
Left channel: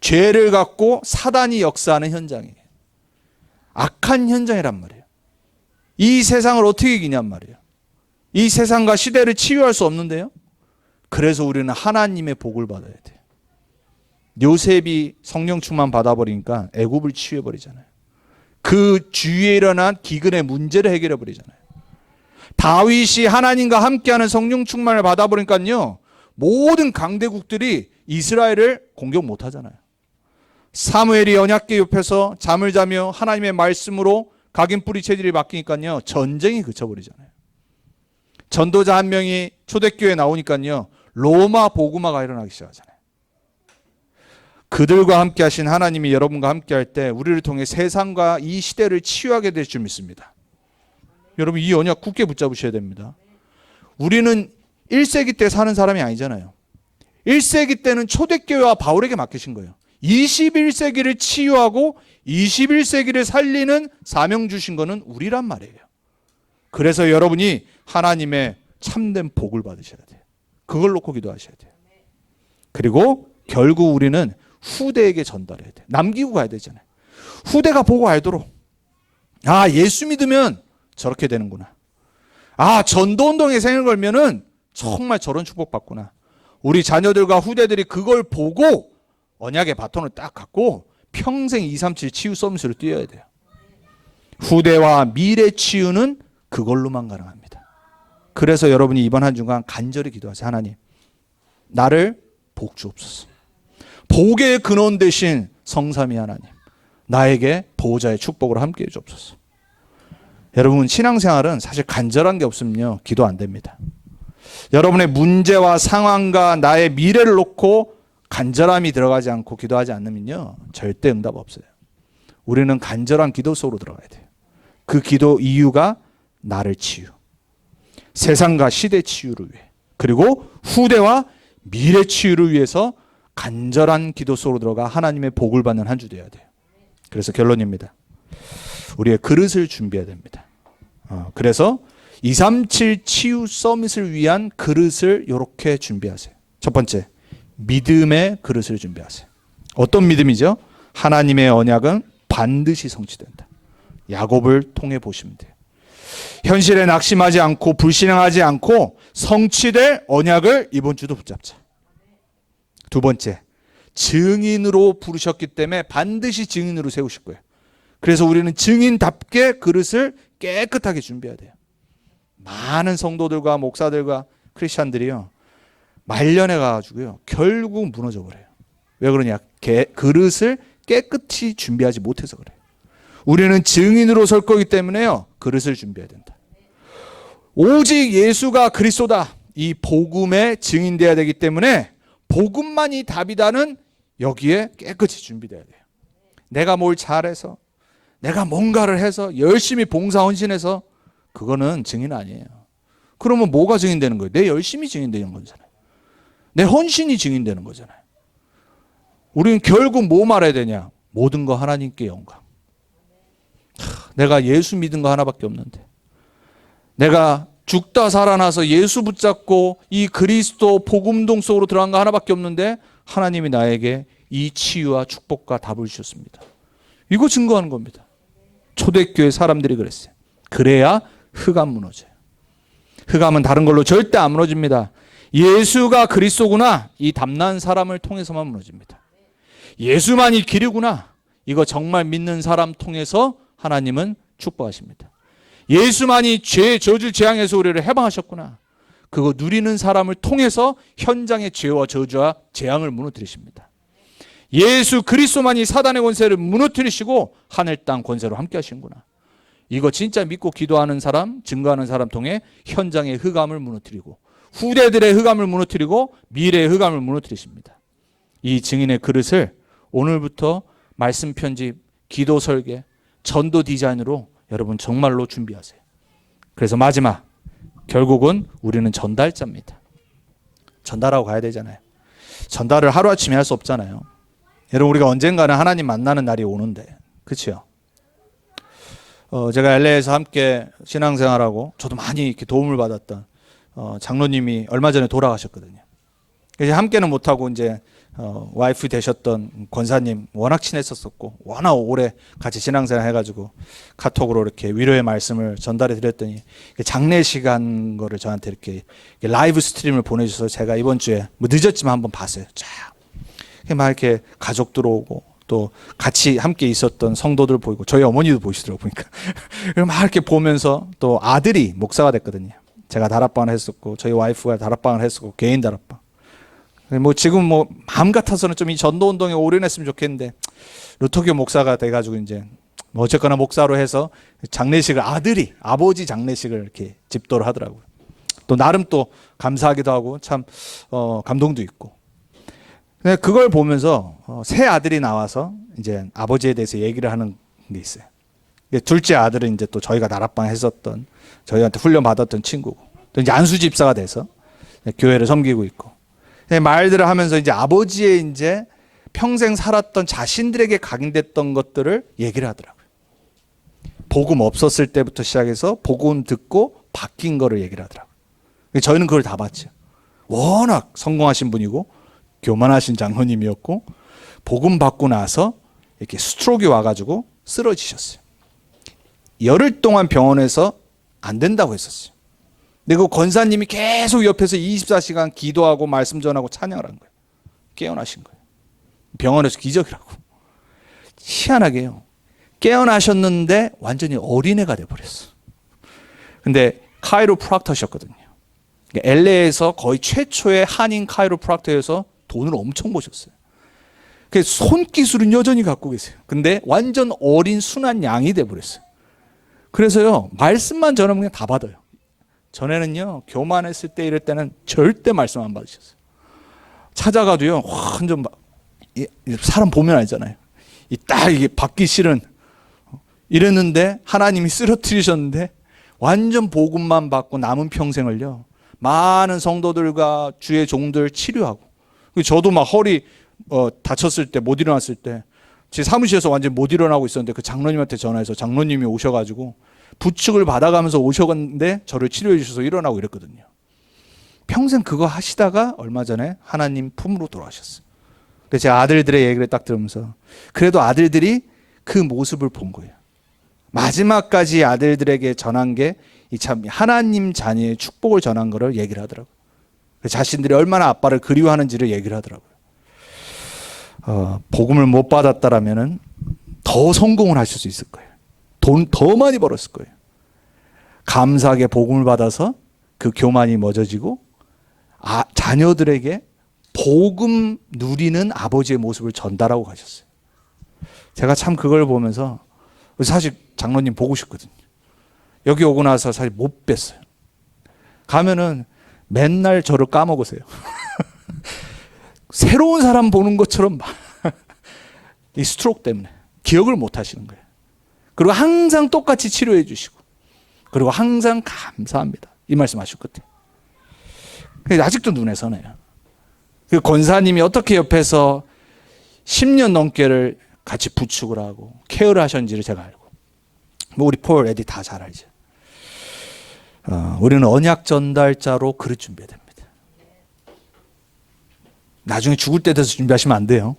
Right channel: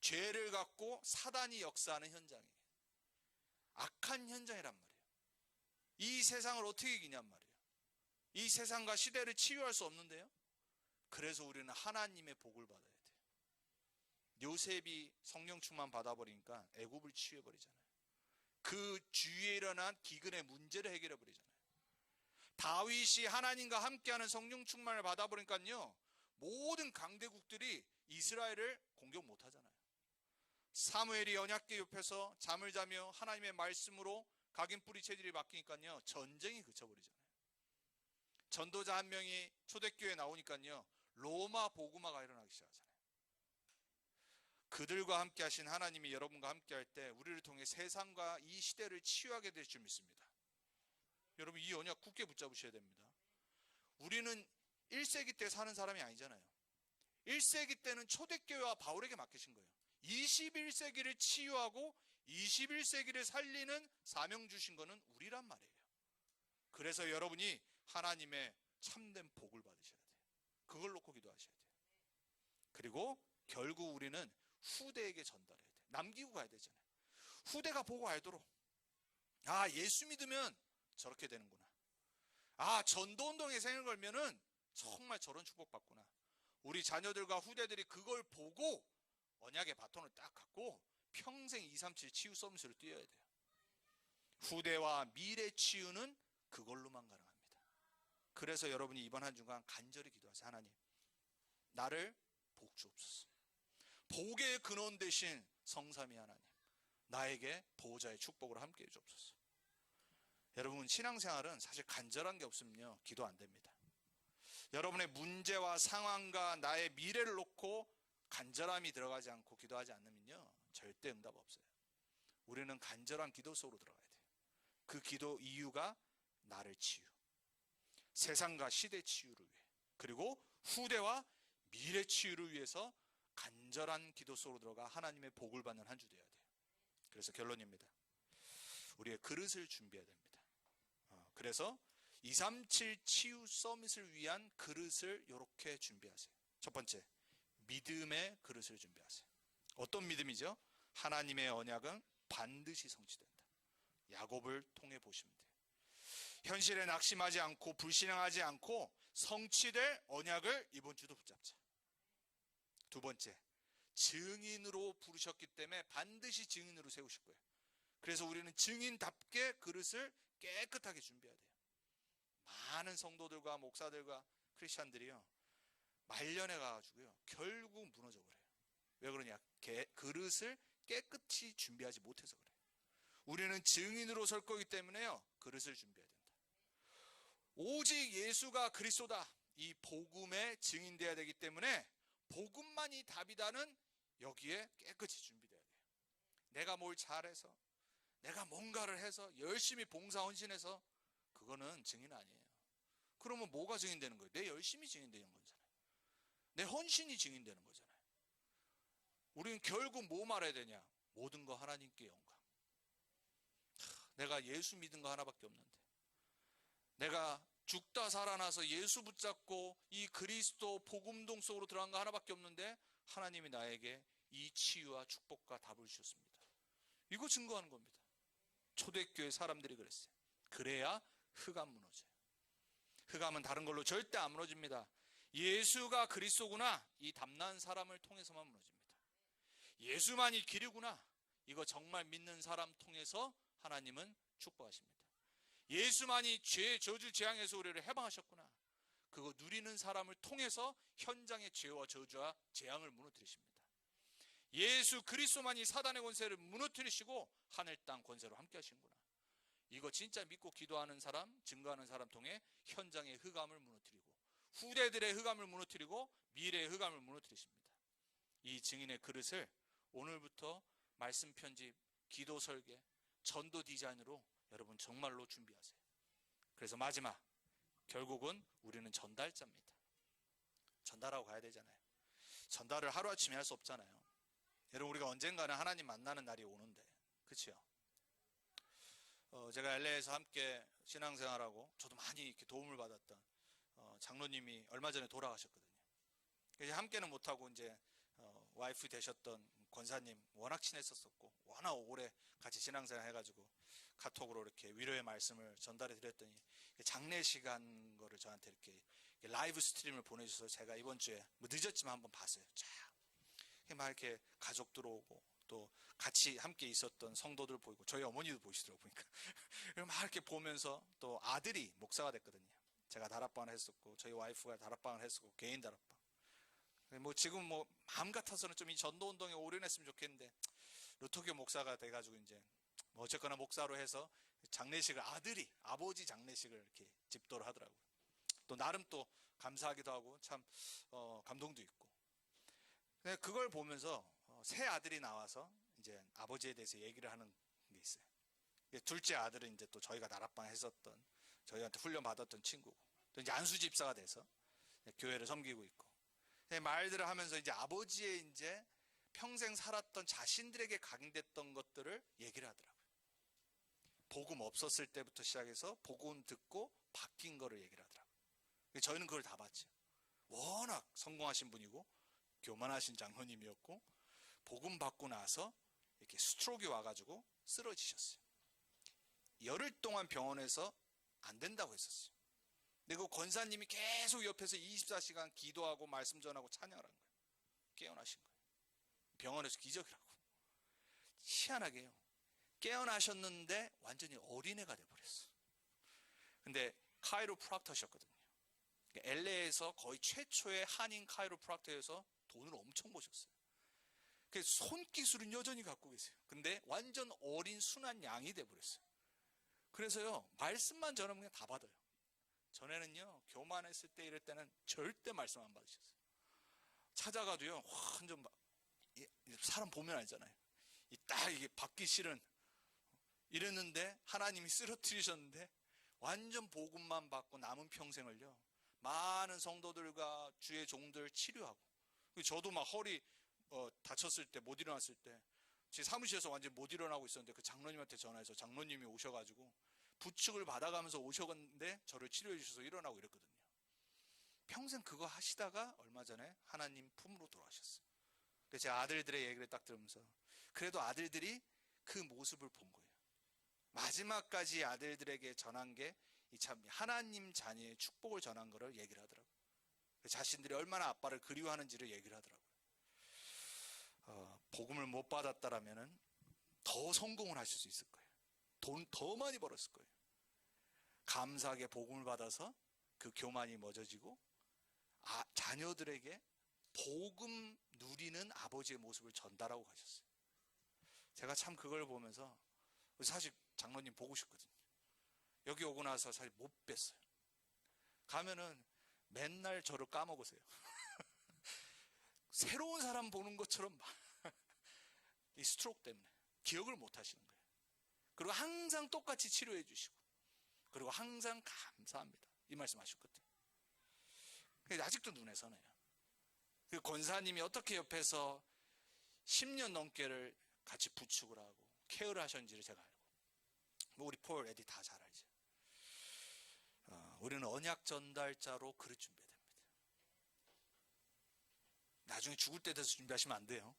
죄를 갖고 사단이 역사하는 현장이에요. 악한 현장이란 말이에요. 이 세상을 어떻게 이기냔 말이에요. 이 세상과 시대를 치유할 수 없는데요. 그래서 우리는 하나님의 복을 받아야 돼요. 요셉이 성령 충만 받아버리니까 애굽을 치유해버리잖아요. 그 주위에 일어난 기근의 문제를 해결해버리잖아요. 다윗이 하나님과 함께하는 성령 충만을 받아버리니까요, 모든 강대국들이 이스라엘을 공격 못하잖아요. 사무엘이 언약궤 옆에서 잠을 자며 하나님의 말씀으로 각인뿌리 체질이 바뀌니까요, 전쟁이 그쳐버리잖아요. 전도자 한 명이 초대교회에 나오니까요, 로마 복음화가 일어나기 시작하잖아요. 그들과 함께 하신 하나님이 여러분과 함께 할 때 우리를 통해 세상과 이 시대를 치유하게 될 줄 믿습니다. 여러분 이 언약 굳게 붙잡으셔야 됩니다. 우리는 1세기 때 사는 사람이 아니잖아요. 1세기 때는 초대교회와 바울에게 맡기신 거예요. 21세기를 치유하고 21세기를 살리는 사명 주신 거는 우리란 말이에요. 그래서 여러분이 하나님의 참된 복을 받으셔야 돼요. 그걸 놓고 기도하셔야 돼요. 그리고 결국 우리는 후대에게 전달해야 돼요. 남기고 가야 되잖아요. 후대가 보고 알도록, 아, 예수 믿으면 저렇게 되는구나. 아, 전도운동에 생을 걸면은 정말 저런 축복받구나. 우리 자녀들과 후대들이 그걸 보고 언약의 바톤을 딱 갖고 평생 237 치유 서비스를 뛰어야 돼요. 후대와 미래 치유는 그걸로만 가능합니다. 그래서 여러분이 이번 한 주간 간절히 기도하세요. 하나님, 나를 복 주옵소서. 복의 근원 되신 성삼위 하나님, 나에게 보호자의 축복으로 함께해 주옵소서. 여러분 신앙생활은 사실 간절한 게 없으면요, 기도 안 됩니다. 여러분의 문제와 상황과 나의 미래를 놓고 간절함이 들어가지 않고 기도하지 않으면요, 절대 응답 없어요. 우리는 간절한 기도 속으로 들어가야 돼요. 그 기도 이유가 나를 치유, 세상과 시대 치유를 위해, 그리고 후대와 미래 치유를 위해서 간절한 기도 속으로 들어가 하나님의 복을 받는 한 주 되어야 돼요. 그래서 결론입니다. 우리의 그릇을 준비해야 됩니다. 그래서 237 치유 서밋을 위한 그릇을 이렇게 준비하세요. 첫 번째, 믿음의 그릇을 준비하세요. 어떤 믿음이죠? 하나님의 언약은 반드시 성취된다. 야곱을 통해 보시면 돼요. 현실에 낙심하지 않고 불신앙하지 않고 성취될 언약을 이번 주도 붙잡자. 두 번째, 증인으로 부르셨기 때문에 반드시 증인으로 세우실 거예요. 그래서 우리는 증인답게 그릇을 깨끗하게 준비해야 돼요. 많은 성도들과 목사들과 크리스찬들이요, 말년에 가가지고요, 결국 무너져 버려요. 왜 그러냐? 그릇을 깨끗이 준비하지 못해서 그래요. 우리는 증인으로 설 거기 때문에요, 그릇을 준비해야 된다. 오직 예수가 그리스도다, 이 복음에 증인돼야 되기 때문에 복음만이 답이다는 여기에 깨끗이 준비돼야 돼요. 내가 뭘 잘해서, 내가 뭔가를 해서 열심히 봉사 헌신해서 그거는 증인 아니에요. 그러면 뭐가 증인되는 거예요? 내 열심이 증인되는 거잖아요. 내 헌신이 증인되는 거잖아요. 우리는 결국 뭐 말해야 되냐? 모든 거 하나님께 영광. 내가 예수 믿은 거 하나밖에 없는데, 내가 죽다 살아나서 예수 붙잡고 이 그리스도 복음동 속으로 들어간 거 하나밖에 없는데 하나님이 나에게 이 치유와 축복과 답을 주셨습니다. 이거 증거하는 겁니다. 초대교회 사람들이 그랬어요. 그래야 흑암 무너져요. 흑암은 다른 걸로 절대 안 무너집니다. 예수가 그리스도구나, 이 담난 사람을 통해서만 무너집니다. 예수만이 길이구나, 이거 정말 믿는 사람 통해서 하나님은 축복하십니다. 예수만이 죄 저주 재앙에서 우리를 해방하셨구나, 그거 누리는 사람을 통해서 현장의 죄와 저주와 재앙을 무너뜨리십니다. 예수 그리스도만이 사단의 권세를 무너뜨리시고 하늘 땅 권세로 함께 하시는구나, 이거 진짜 믿고 기도하는 사람, 증거하는 사람 통해 현장의 흑암을 무너뜨리고 후대들의 흑암을 무너뜨리고 미래의 흑암을 무너뜨리십니다. 이 증인의 그릇을 오늘부터 말씀 편집, 기도 설계, 전도 디자인으로 여러분 정말로 준비하세요. 그래서 마지막, 결국은 우리는 전달자입니다. 전달하고 가야 되잖아요. 전달을 하루아침에 할 수 없잖아요. 여러분, 우리가 언젠가는 하나님 만나는 날이 오는데, 그렇죠? 제가 LA에서 함께 신앙생활하고 저도 많이 이렇게 도움을 받았던 장로님이 얼마 전에 돌아가셨거든요. 그래서 함께는 못하고 이제 와이프 되셨던 권사님 워낙 친했었고 워낙 오래 같이 신앙생활 해가지고 카톡으로 이렇게 위로의 말씀을 전달해 드렸더니 장례식 한 거를 저한테 이렇게 라이브 스트림을 보내주셔서 제가 이번 주에 뭐 늦었지만 한번 봤어요. 쫙 막 이렇게 가족들 오고 또 같이 함께 있었던 성도들 보이고 저희 어머니도 보시더라고요. 보니까 막 이렇게 보면서 또 아들이 목사가 됐거든요. 제가 다락방을 했었고 저희 와이프가 다락방을 했었고 개인 다락방. 뭐 지금 뭐 마음 같아서는 좀 이 전도 운동에 올인했으면 좋겠는데 루터교 목사가 돼가지고 이제 뭐 어쨌거나 목사로 해서 장례식을 아버지 장례식을 이렇게 집도를 하더라고요. 또 나름 또 감사하기도 하고 참 감동도 있고. 근데 그걸 보면서 새 아들이 나와서 이제 아버지에 대해서 얘기를 하는 게 있어요. 둘째 아들은 이제 또 저희가 다락방 했었던 저희한테 훈련 받았던 친구고 또 이제 안수 집사가 돼서 교회를 섬기고 있고. 말들을 하면서 이제 아버지의 이제 평생 살았던 자신들에게 각인됐던 것들을 얘기를 하더라고요. 복음 없었을 때부터 시작해서 복음 듣고 바뀐 거를 얘기를 하더라고요. 저희는 그걸 다 봤죠. 워낙 성공하신 분이고 교만하신 장로님이었고 복음 받고 나서 이렇게 스트로크가 와가지고 쓰러지셨어요. 열흘 동안 병원에서 안 된다고 했었어요. 근데 그 권사님이 계속 옆에서 24시간 기도하고 말씀 전하고 찬양을 한 거예요. 깨어나신 거예요. 병원에서 기적이라고. 희한하게요. 깨어나셨는데 완전히 어린애가 돼버렸어. 근데 카이로프락터셨거든요. LA에서 거의 최초의 한인 카이로프락터여서 돈을 엄청 버셨어요. 손기술은 여전히 갖고 계세요. 근데 완전 어린 순한 양이 돼버렸어요. 그래서요, 말씀만 전하면 그냥 다 받아요. 전에는요, 교만했을 때 이럴 때는 절대 말씀 안 받으셨어요. 찾아가도요, 완전 사람 보면 알잖아요. 딱 이게 받기 싫은 이랬는데 하나님이 쓰러뜨리셨는데 완전 복음만 받고 남은 평생을요, 많은 성도들과 주의 종들 치료하고. 저도 막 허리 다쳤을 때 못 일어났을 때 제 사무실에서 완전 못 일어나고 있었는데 그 장로님한테 전화해서 장로님이 오셔가지고 부축을 받아가면서 오셨는데 저를 치료해 주셔서 일어나고 이랬거든요. 평생 그거 하시다가 얼마 전에 하나님 품으로 돌아가셨어요. 그래서 제 아들들의 얘기를 딱 들으면서 그래도 아들들이 그 모습을 본 거예요. 마지막까지 아들들에게 전한 게 참 하나님 자녀의 축복을 전한 거를 얘기를 하더라고요. 자신들이 얼마나 아빠를 그리워하는지를 얘기를 하더라고요. 복음을 못 받았다라면은 더 성공을 하실 수 있을 거예요. 돈 더 많이 벌었을 거예요. 감사하게 복음을 받아서 그 교만이 멎어지고 자녀들에게 복음 누리는 아버지의 모습을 전달하고 가셨어요. 제가 참 그걸 보면서 사실 장로님 보고 싶거든요. 여기 오고 나서 사실 못 뵀어요. 가면은 맨날 저를 까먹으세요. 새로운 사람 보는 것처럼 이 스트로크 때문에 기억을 못 하시는 거예요. 그리고 항상 똑같이 치료해 주시고 그리고 항상 감사합니다. 이 말씀 하셨거든요. 아직도 눈에 선해요. 그 권사님이 어떻게 옆에서 10년 넘게를 같이 부축을 하고 케어를 하셨는지를 제가 알고, 뭐 우리 폴, 에디 다 잘 알죠. 우리는 언약 전달자로 그릇 준비해야 됩니다. 나중에 죽을 때 돼서 준비하시면 안 돼요.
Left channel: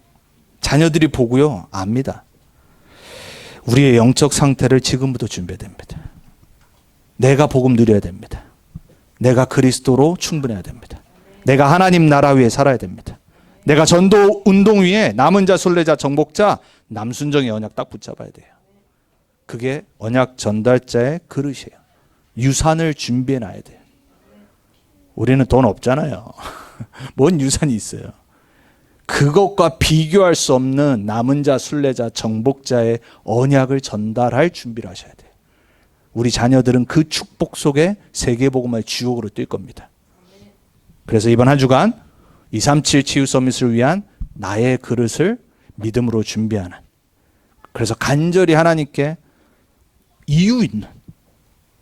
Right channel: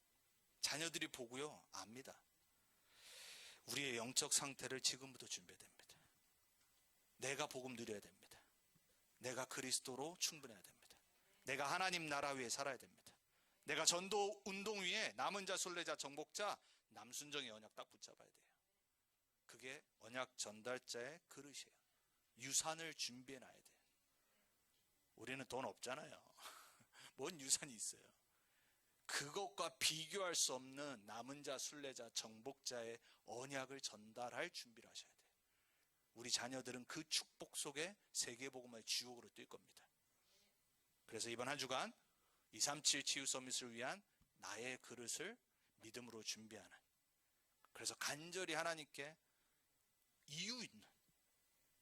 자녀들이 보고요, 압니다. 우리의 영적 상태를 지금부터 준비해야 됩니다. 내가 복음 누려야 됩니다. 내가 그리스도로 충분해야 됩니다. 내가 하나님 나라 위에 살아야 됩니다. 내가 전도 운동 위에 남은 자, 순례자, 정복자, 남순정의 언약 딱 붙잡아야 돼요. 그게 언약 전달자의 그릇이에요. 유산을 준비해 놔야 돼요. 우리는 돈 없잖아요. 뭔 유산이 있어요. 그것과 비교할 수 없는 남은 자, 순례자, 정복자의 언약을 전달할 준비를 하셔야 돼요. 우리 자녀들은 그 축복 속에 세계복음화의 주역으로 뛸 겁니다. 그래서 이번 한 주간 237 치유 서밋을 위한 나의 그릇을 믿음으로 준비하는, 그래서 간절히 하나님께 이유 있는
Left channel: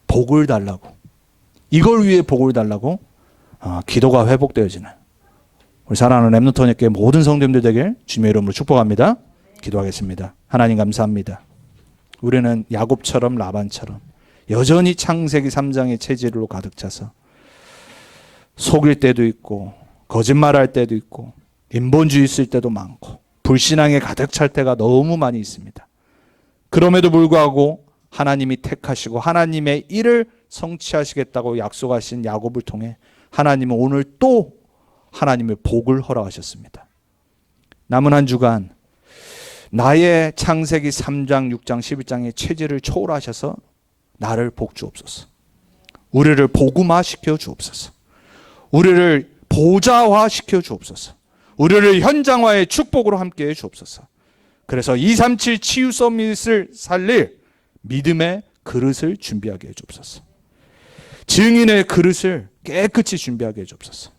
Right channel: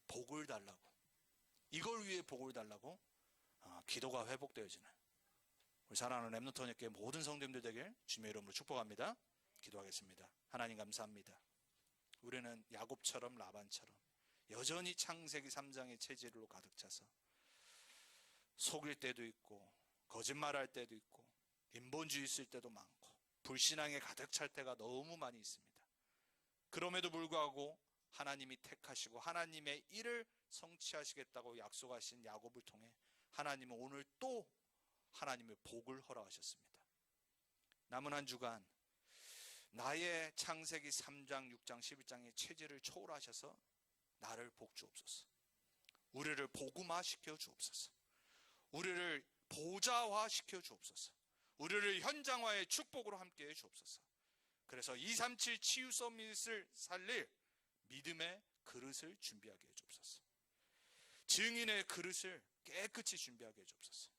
복을 달라고, 이걸 위해 복을 달라고 기도가 회복되어지는 우리 사랑하는 렘넌트교회 모든 성도님들 되길 주님의 이름으로 축복합니다. 기도하겠습니다. 하나님 감사합니다. 우리는 야곱처럼 라반처럼 여전히 창세기 3장의 체질로 가득 차서 속일 때도 있고 거짓말할 때도 있고 인본주의 있을 때도 많고 불신앙에 가득 찰 때가 너무 많이 있습니다. 그럼에도 불구하고 하나님이 택하시고 하나님의 일을 성취하시겠다고 약속하신 야곱을 통해 하나님은 오늘 또 하나님의 복을 허락하셨습니다. 남은 한 주간 나의 창세기 3장, 6장, 11장의 체질을 초월하셔서 나를 복 주옵소서. 우리를 복음화 시켜 주옵소서. 우리를 보좌화 시켜 주옵소서. 우리를 현장화의 축복으로 함께해 주옵소서. 그래서 237 치유 서밋을 살릴 믿음의 그릇을 준비하게 해 주옵소서. 증인의 그릇을 깨끗이 준비하게 해 주옵소서.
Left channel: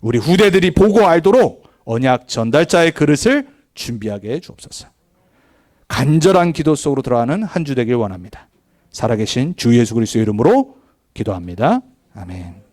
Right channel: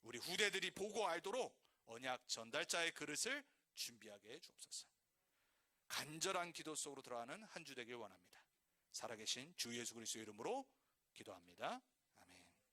우리 후대들이 보고 알도록 언약 전달자의 그릇을 준비하게 해 주옵소서. 간절한 기도 속으로 들어가는 한 주 되길 원합니다. 살아계신 주 예수 그리스도의 이름으로 기도합니다. 아멘.